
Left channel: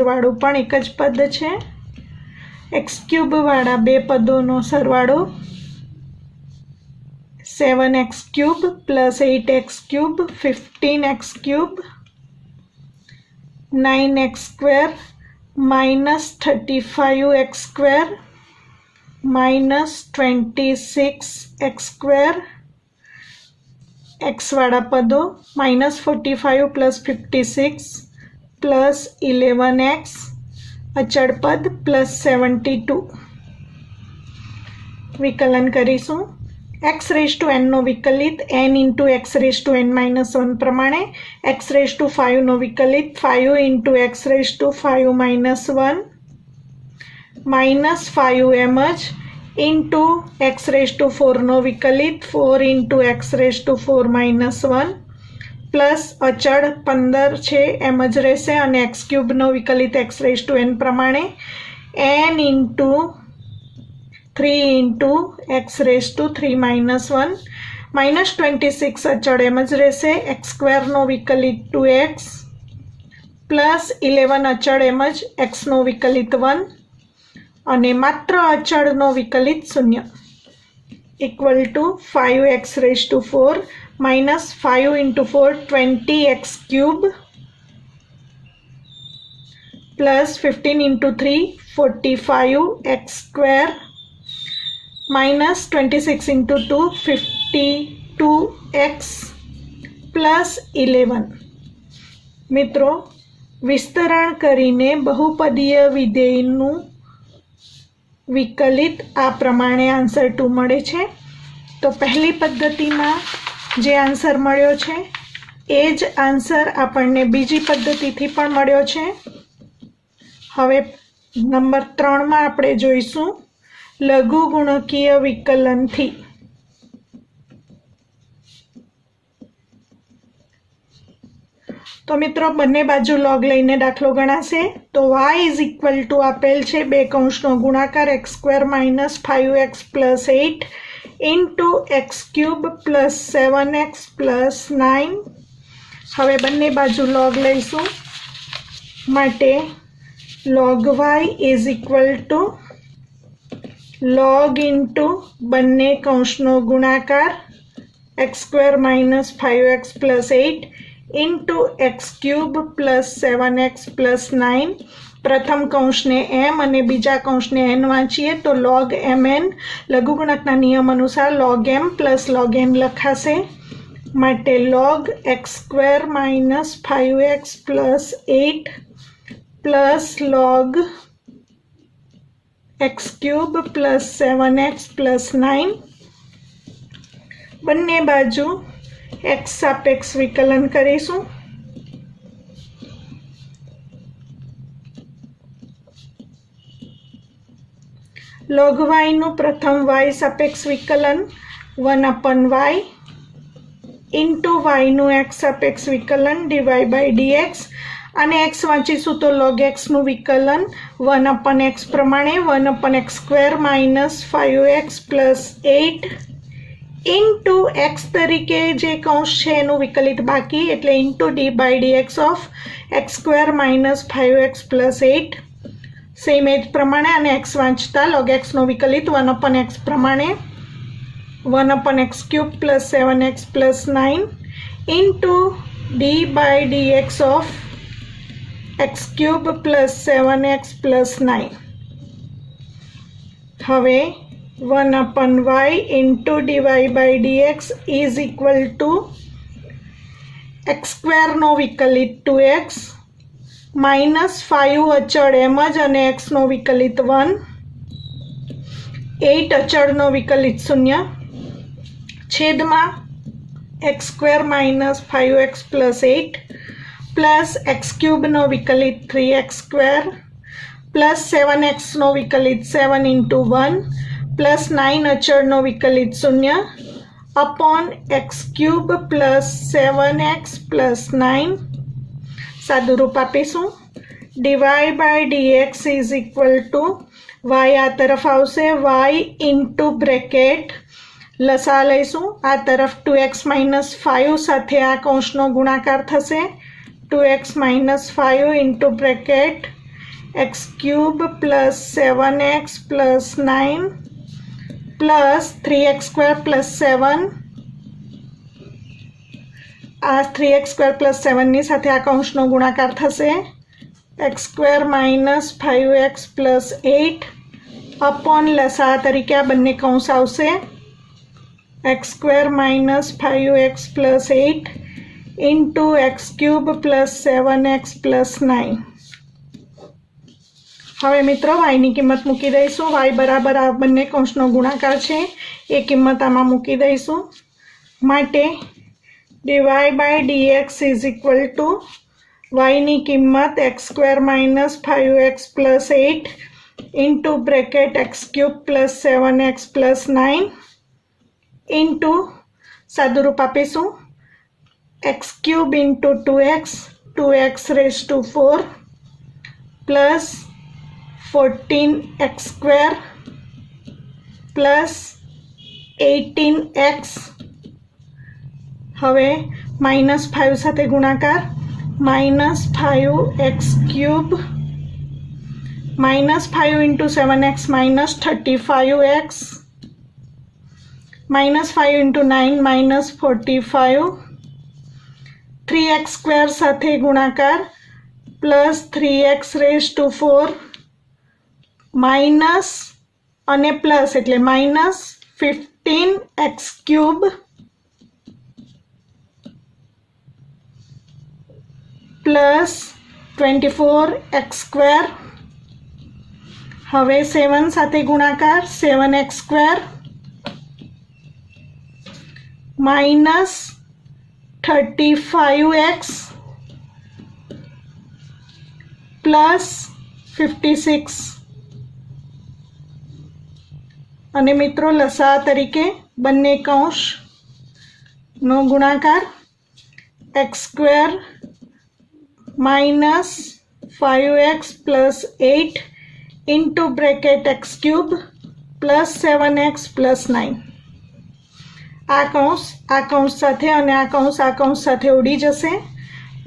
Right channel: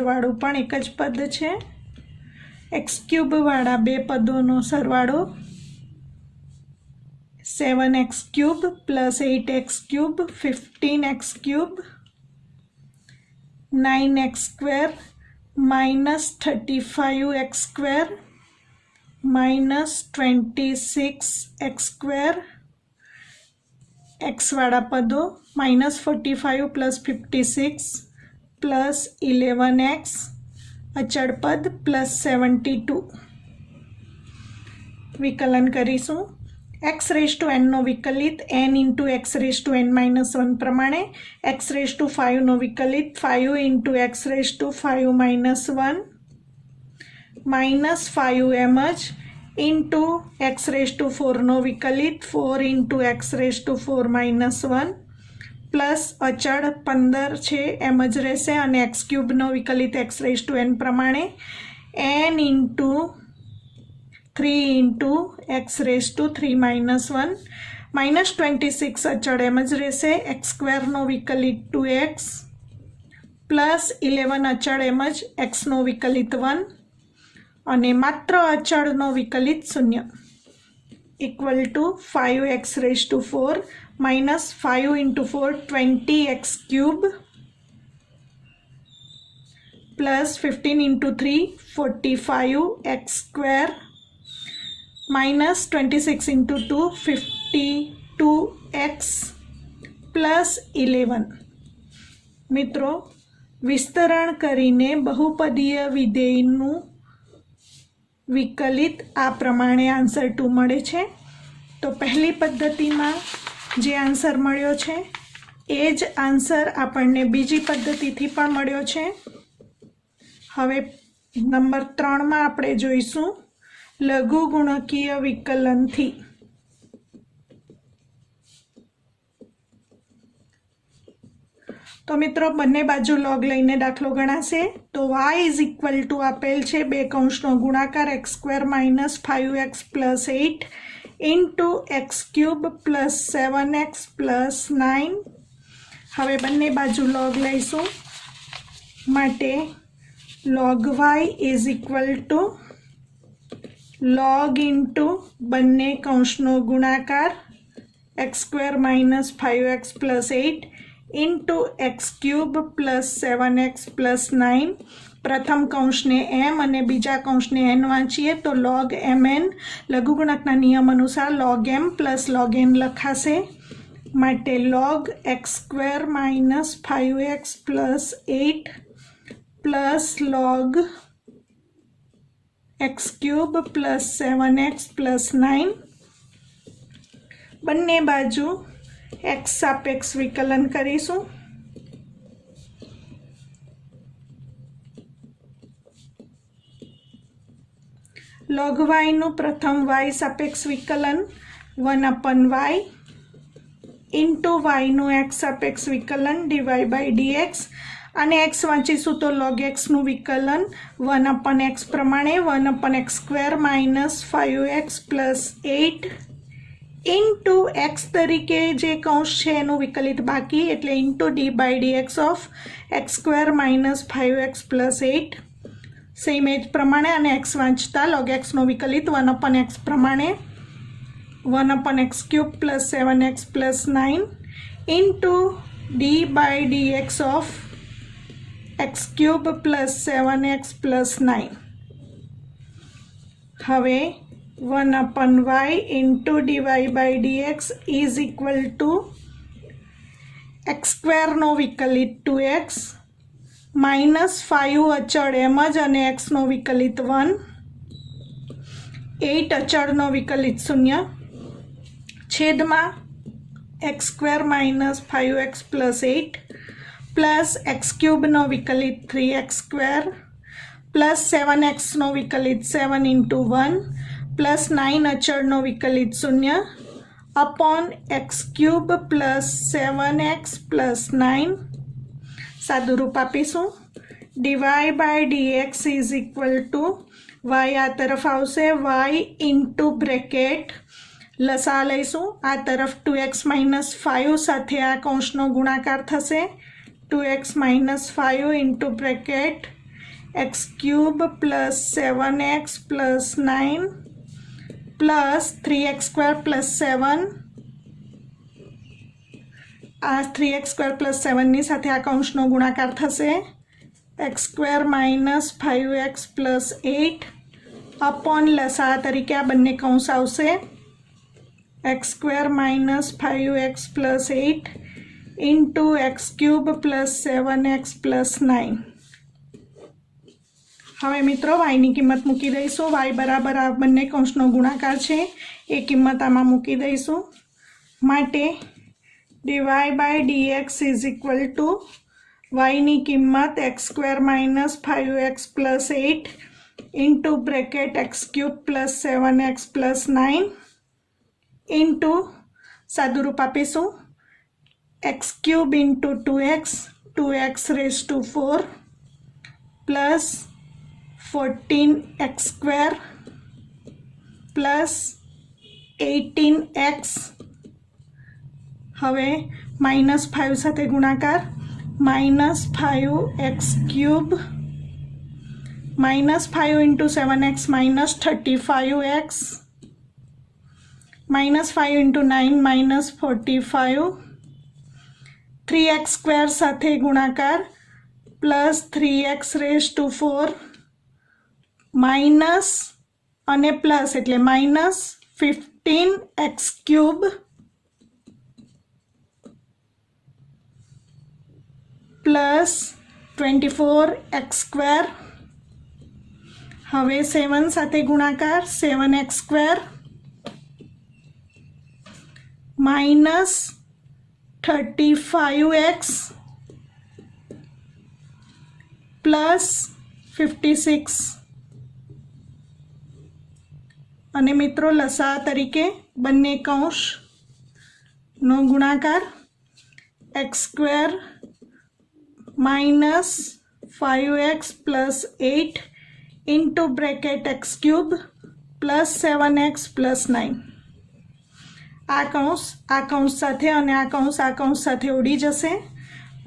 વાળું પણ એક જ પદ છે, x³ વાળા બે પદોનો સરવાળો 7x³ plus 8x³ 15x³ 9x² minus 35x² minus 26x², x વાળા પદો -45 પ્લસ 56 પ્લસ 11x, અચળ પદ પ્લસ 72. વિકલન કરીશું. x⁴n નો વિકલિત n × x⁻n−1 પ્રમાણે, x⁵ નો વિકલિત 5 × x⁵ -1 -5 એમ જ ઇન્ટુ x⁴ નો વિકલિત 4 × x⁴ પ્લસ અચળ 15 છે એમ જ રહેશે અને x³ નો વિકલિત x⁻n પ્રમાણે n × 3 × x⁻³ -26 અચળ એમ જ રહેશે, x² નો વિકલિત 2x પ્લસ 11 અચળ એમ જ, x નો વિકલિત 1 અને માત્ર અચળનો વિકલિત 0 equal to 5x⁴ minus 5 × 4 20x³ plus 15 × 3 45x² minus 26 × 2 52x plus 11. મિત્રો વિસ્તરણ કરીને બહુપદીય વિધેયનું વિકલિત આ પ્રમાણે આન્સર 2 મળે છે. તો પહેલી પદ્ધતિમાં જે આન્સર મળ્યો છે એ જ આન્સર આપણને બીજી પદ્ધતિથી પણ મળ્યો છે. હવે નંબર 3માં આપણે જોઈશું લઘુગુણકીય વિકલનથી. તો મિત્રો બંને બાજુ લોગ લઈને દાખલો ગણાશે. તો y = આપેલ છે બે કૌંસનો ગુણાકાર x² - 5x + 8 into x³ plus 7x plus 9. હવે બંને બાજુ લોગ લઈશું. માટે log y = log ઇન્ટુ બંને કૌંસનો ગુણાકાર x² - 5x + 8 into x³ plus 7x plus 9. પ્રથમ કૌંસને m અને બીજા કૌંસને n વાંચીએ તો log mn લઘુગુણકના નિયમ અનુસાર log m plus log n લખાશે. માટે log x² - 5x plus 8 plus log x³ plus 7x plus 9. બંને બાજુ x સાપેક્ષ વિકલન કરીશું. log y નું પ્રથમ y સાપેક્ષ વિકલન 1/y ઇન્ટુ y નું x સાપેક્ષ વિકલન dy by dx અને x વાંચીશું તો log x નું વિકલન 1/x પ્રમાણે 1/x² minus 5x plus 8 into x તરીકે જે કૌંસ છે એનું વિકલિત બાકી એટલે into dy by dx of x² minus 5x plus 8 same એજ પ્રમાણે અને x વાંચતા log x નો વિકલિત 1/x પ્રમાણે 1/x³ plus 7x plus 9 into dy by dx of x³ plus 7x plus 9. હવે 1/y into dy by dx is equal to x² નો વિકલિત 2x minus 5 અચળ એમ જ અને x નો વિકલિત 1 8 અચળનો વિકલિત 0 છેદમાં x² minus 5x plus 8 plus x³ નો વિકલિત 3x² plus 7x નો વિકલિત 7 into 1 પ્લસ 9 અચળનો વિકલિત 0 upon x³ plus 7x plus 9 સાદું રૂપ આપીશું dy by dx is equal to y આ તરફ આવશે y ઇન્ટુ બ્રેકેટ લસા લઈશું આ તરફ 2x માઇનસ 5 સાથે આ કૌંસનો ગુણાકાર થશે 2x minus 5 into bracket x³ plus 7x plus 9 plus 3x² plus 7 આ 3x² પ્લસ 7ની સાથે આ કૌંસનો ગુણાકાર થશે x² minus 5x plus 8 upon લસા તરીકે આ બંને કૌંસ આવશે x² minus 5x plus 8 into x³ plus 7x plus 9. હવે મિત્રો વાયની કિંમત મૂકી દઈશું y બરાબર આ બંને કૌંસનો ગુણાકાર છે એ કિંમત આમાં મૂકી દઈશું માટે dy by dx is equal to y ની કિંમત x² minus 5x plus 8 into bracket x³ plus 7x plus 9 into સાદું રૂપ આપીશું x³ into 2x raised to 4 plus 14x² plus 18x હવે માઇનસ 5 સાથે ગુણાકાર minus 5x³ minus 5 into 7x minus 35x minus 5 into 9 minus 45 3x² સાથે ગુણાકાર plus 3x raised to 4 minus અને plus એટલે માઇનસ 15x³ પ્લસ 24x² હવે 7 સાથે ગુણાકાર 7x² માઇનસ 35x પ્લસ 56 અને મિત્રો લસા તરીકે બંને કૌંસનો ગુણાકાર x² minus 5x plus 8 into bracket x³ plus 7x plus 9 આ કૌંસ સાથે અને આ કૌંસ સાથે ઉડી જશે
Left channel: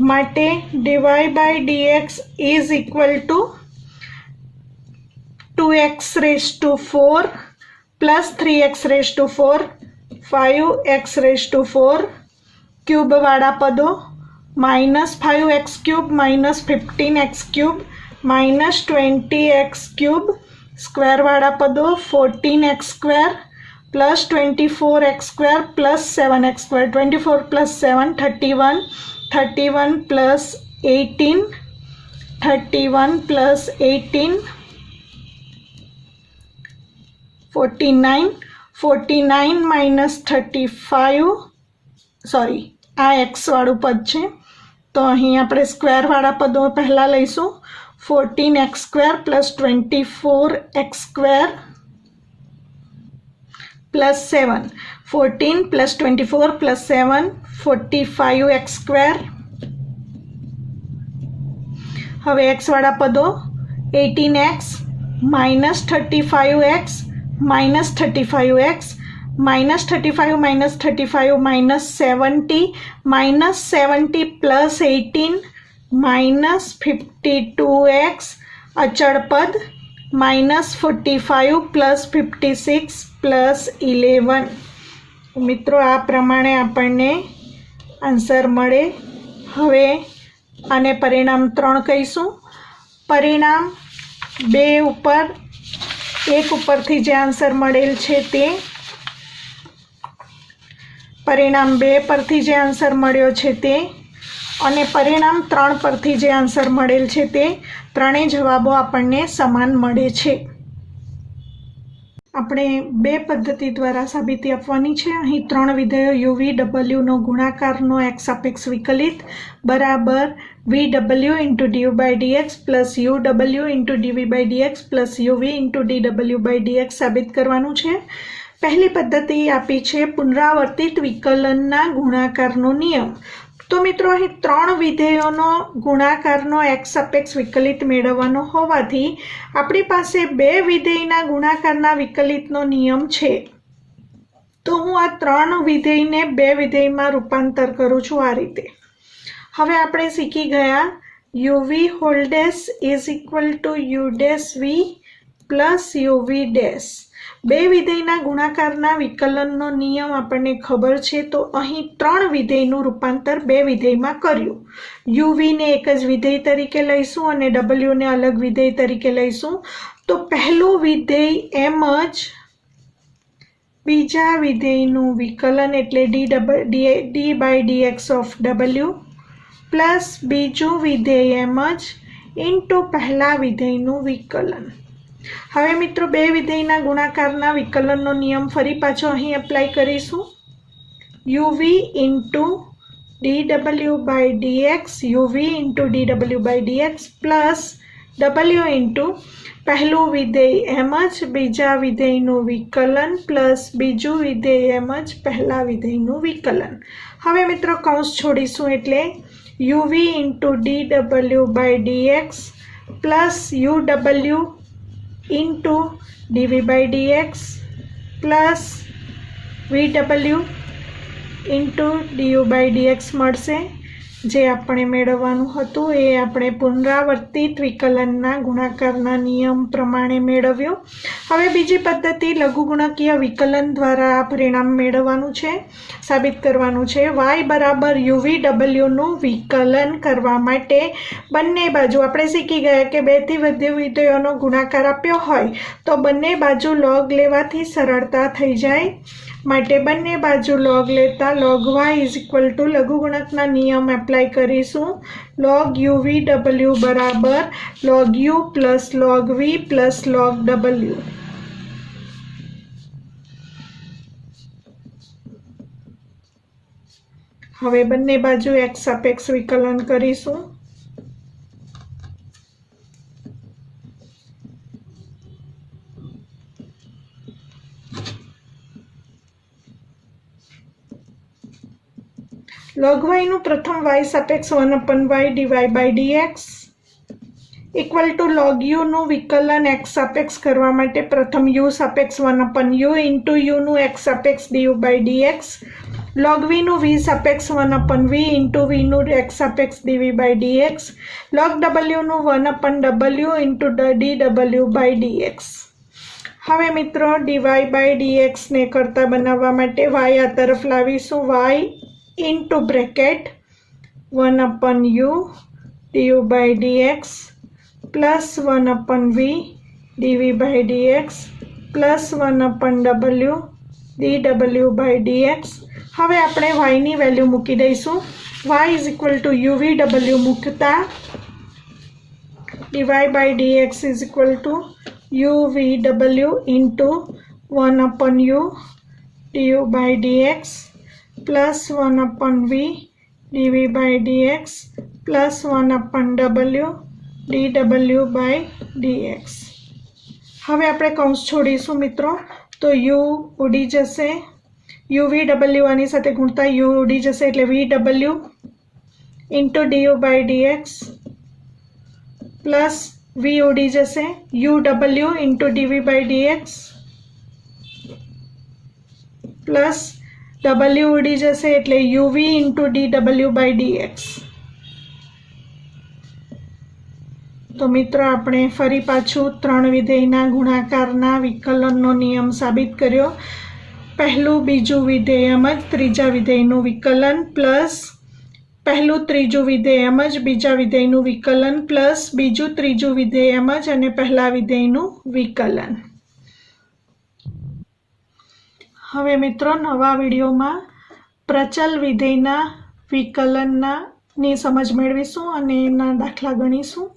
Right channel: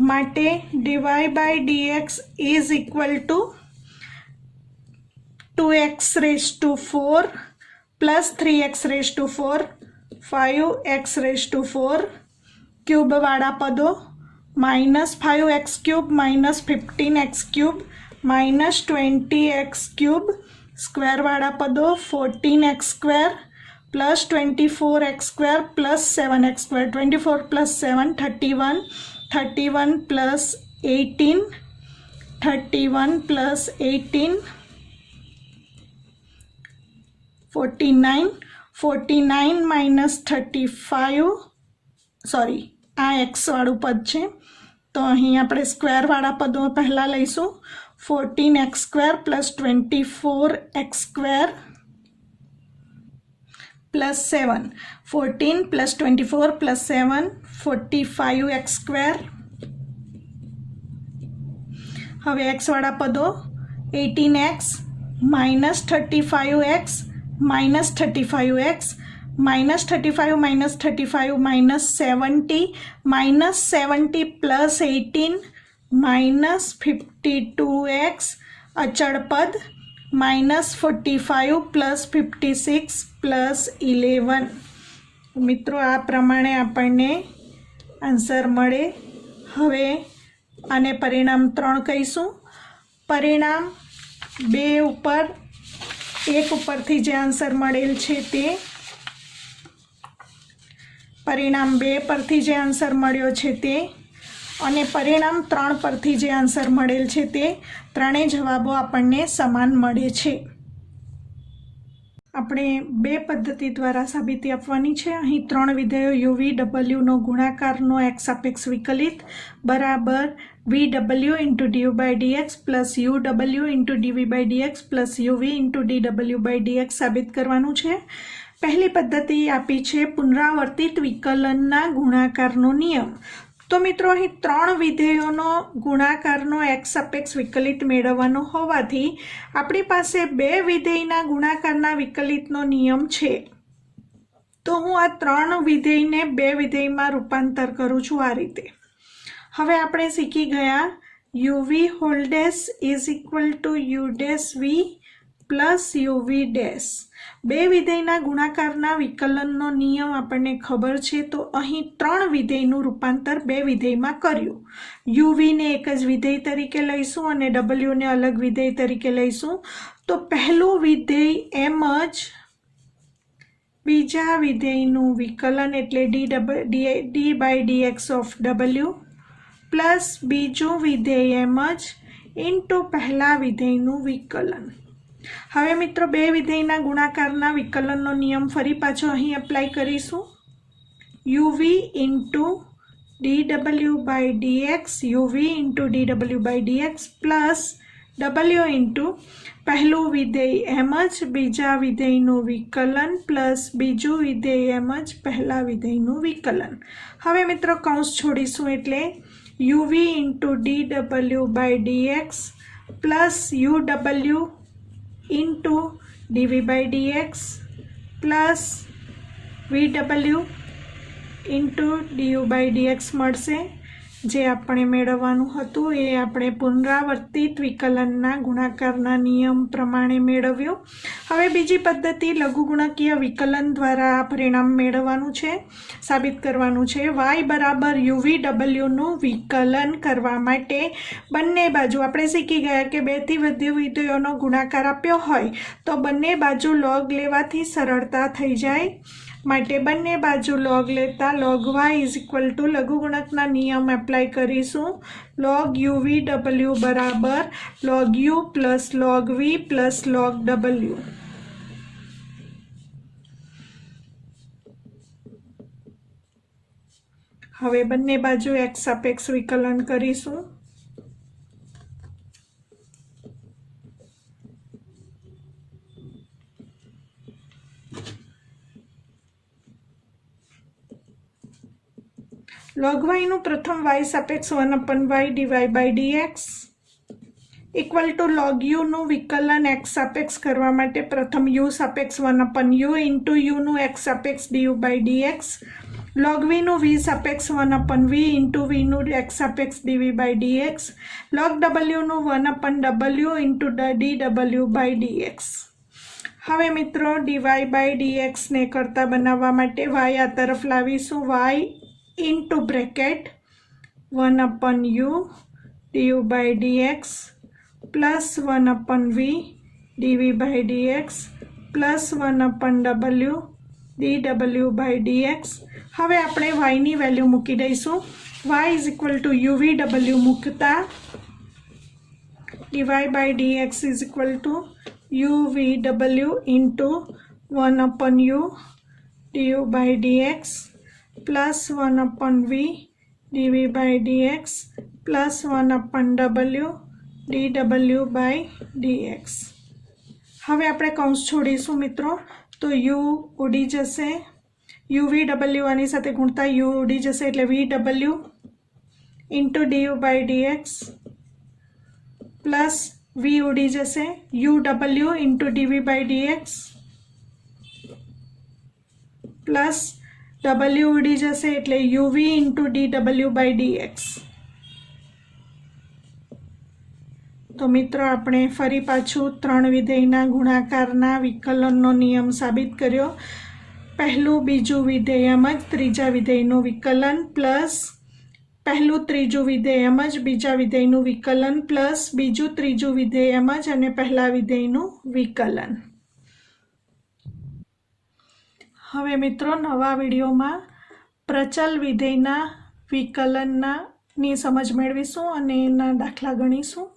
માટે dy by dx is equal to 2x raised to 4 plus 3x raised to 4 5x raised to 4 cube વાળા પદો minus 5x³ minus 15x³ minus 20x³ square વાળા પદો 14x² plus 24x² plus 7x². 24 plus 7 31 31 plus 18 31 plus 18 49 49 minus 35 sorry આ x વાળું પદ છે તો અહીં આપણે સ્ક્વેર વાળા પદો પહેલાં લઈશું 14x² plus 24x² plus 7, 14 plus 24 plus 7, 45x²। हवे x वाला पदों 18x minus 35x minus 35x minus 35 minus 35 minus 70 plus 18 minus 52x अचल पद माइनस 45 प्लस 56 प्लस 11। मित्रों आ प्रमाणे आपने आंसर मळे। हवे आने परिणाम 3 कहीशुं। परिणाम 2 उपर 1 उपरथी जे आंसर मळेल छे ते, परिणाम 2 परथी जे आंसर मळ्यो छे ते, अने परिणाम 3 परथी जे आंसर मळेल छे ते, त्रणेय जवाबो आपणने समान मळे छे। આપણે 2 પદ્ધતિ દ્વારા સાબિતી આપવાની છે। અહીં 3 વિધેયો યુવી ડબલ્યુનો ગુણાકારનો x સાપેક્ષ વિકલિત બરાબર VW into du by dx plus UW into dv by dx plus UV into dw by dx સાબિત કરવાનું છે। પહેલી પદ્ધતિ આપી છે પુનરાવર્તિત વિકલનના ગુણાકારનો નિયમ। तो मित्रों અહીં 3 વિધેયોનો ગુણાકારનો x સાપેક્ષ વિકલિત મેળવવાનો હોવાથી આપણી પાસે 2 વિધેયના ગુણાકારના વિકલિતનો નિયમ છે। તો હું આ 3 વિધેયને 2 વિધેયમાં રૂપાંતર કરું છું આ રીતે। હવે આપણે શીખી ગયા uv whole dash is equal to u dash v plus uv dash. 2 વિધેયના ગુણાકારના વિકલનનો નિયમ આપણને ખબર છે। તો અહીં 3 વિધેયનું રૂપાંતર 2 વિધેયમાં કર્યું। uv ને એક જ વિધેય તરીકે લઈશું અને w ને અલગ વિધેય તરીકે લઈશું। તો પહેલું વિધેય એમ જ બીજા વિધેયનું વિકલન એટલે d by dx of w plus બીજું વિધેય એમ જ ઇન્ટુ પહેલા વિધેયનું વિકલન। હવે મિત્રો 2 વિધેયના ગુણાકારના વિકલનનો નિયમ ફરી પાછો અહીં એપ્લાય કરીશું। uv into dw by dx uv into dw by dx plus w into પહેલું વિધેય એમ જ બીજા વિધેયનું વિકલન પ્લસ બીજું વિધેય એમ જ પહેલા વિધેયનું વિકલન। હવે મિત્રો કૌંસ છોડીશું એટલે uv into dw by dx plus uw into dv by dx plus vw into du by dx મળશે। જે આપણે મેળવવાનું હતું એ આપણે પુનરાવર્તિત વિકલનના ગુણાકારના નિયમ પ્રમાણે મેળવ્યું। હવે બીજી પદ્ધતિ લઘુગુણકીય વિકલન દ્વારા આ પરિણામ મેળવવાનું છે, સાબિત કરવાનું છે। y બરાબર uv નું વિકલન કરવા માટે બંને બાજુ આપણે શીખી ગયા કે 2 થી વધુ વિધેયોનો ગુણાકાર આપ્યો હોય તો બંને બાજુ log લેવાથી સરળતા થઈ જાય। માટે બંને બાજુ log લેતા log y is equal to લઘુગુણકના નિયમ એપ્લાય કરીશું। log uv બરાબર log u plus log v plus log w। હવે બંને બાજુ x સાપેક્ષ વિકલન કરીશું। log y નું પ્રથમ y સાપેક્ષ 1/y dy by dx equal to log u નું વિકલન x સાપેક્ષ કરવા માટે પ્રથમ u સાપેક્ષ 1/u ઇન્ટુ u નું x સાપેક્ષ du by dx log v નું v સાપેક્ષ 1/v ઇન્ટુ v નું x સાપેક્ષ dv by dx log w નું 1/w into dw by dx। હવે મિત્રો dy by dx ને કરતા બનાવવા માટે y આ તરફ લાવીશું। y into bracket 1/u du by dx plus 1/v dv by dx plus 1/w dw by dx। હવે આપણે y ની વેલ્યુ મૂકી દઈશું। y is equal to uvw મૂકતા dy by dx is equal to uvw into 1/u du by dx plus 1/v dv by dx plus 1/w dw by dx। હવે આપણે કૌંસ છોડીશું મિત્રો। તો યુ ઉડી જશે, યુ વી ડબલ્યુ આની સાથે ગુણતા યુ ઉડી જશે એટલે V W into D U by D X plus V ઉડી જશે U W into D V by D X plus W ઉડી જશે એટલે U V into D W by D X. તો મિત્રો આપણે ફરી પાછું 3 વિધેયના ગુણાકારના વિકલનનો નિયમ સાબિત કર્યો. પહેલું બીજું વિધેય એમ જ ત્રીજા વિધેયનું વિકલન પ્લસ પહેલું ત્રીજું વિધેય એમ જ બીજા વિધેયનું વિકલન પ્લસ બીજું ત્રીજું વિધેય એમ જ અને પહેલા વિધેયનું વિકલન. હવે મિત્રો નવા વિડીયોમાં પ્રચલ વિધેયના વિકલનની સમજ મેળવીશું અને એના દાખલા ગણીશું.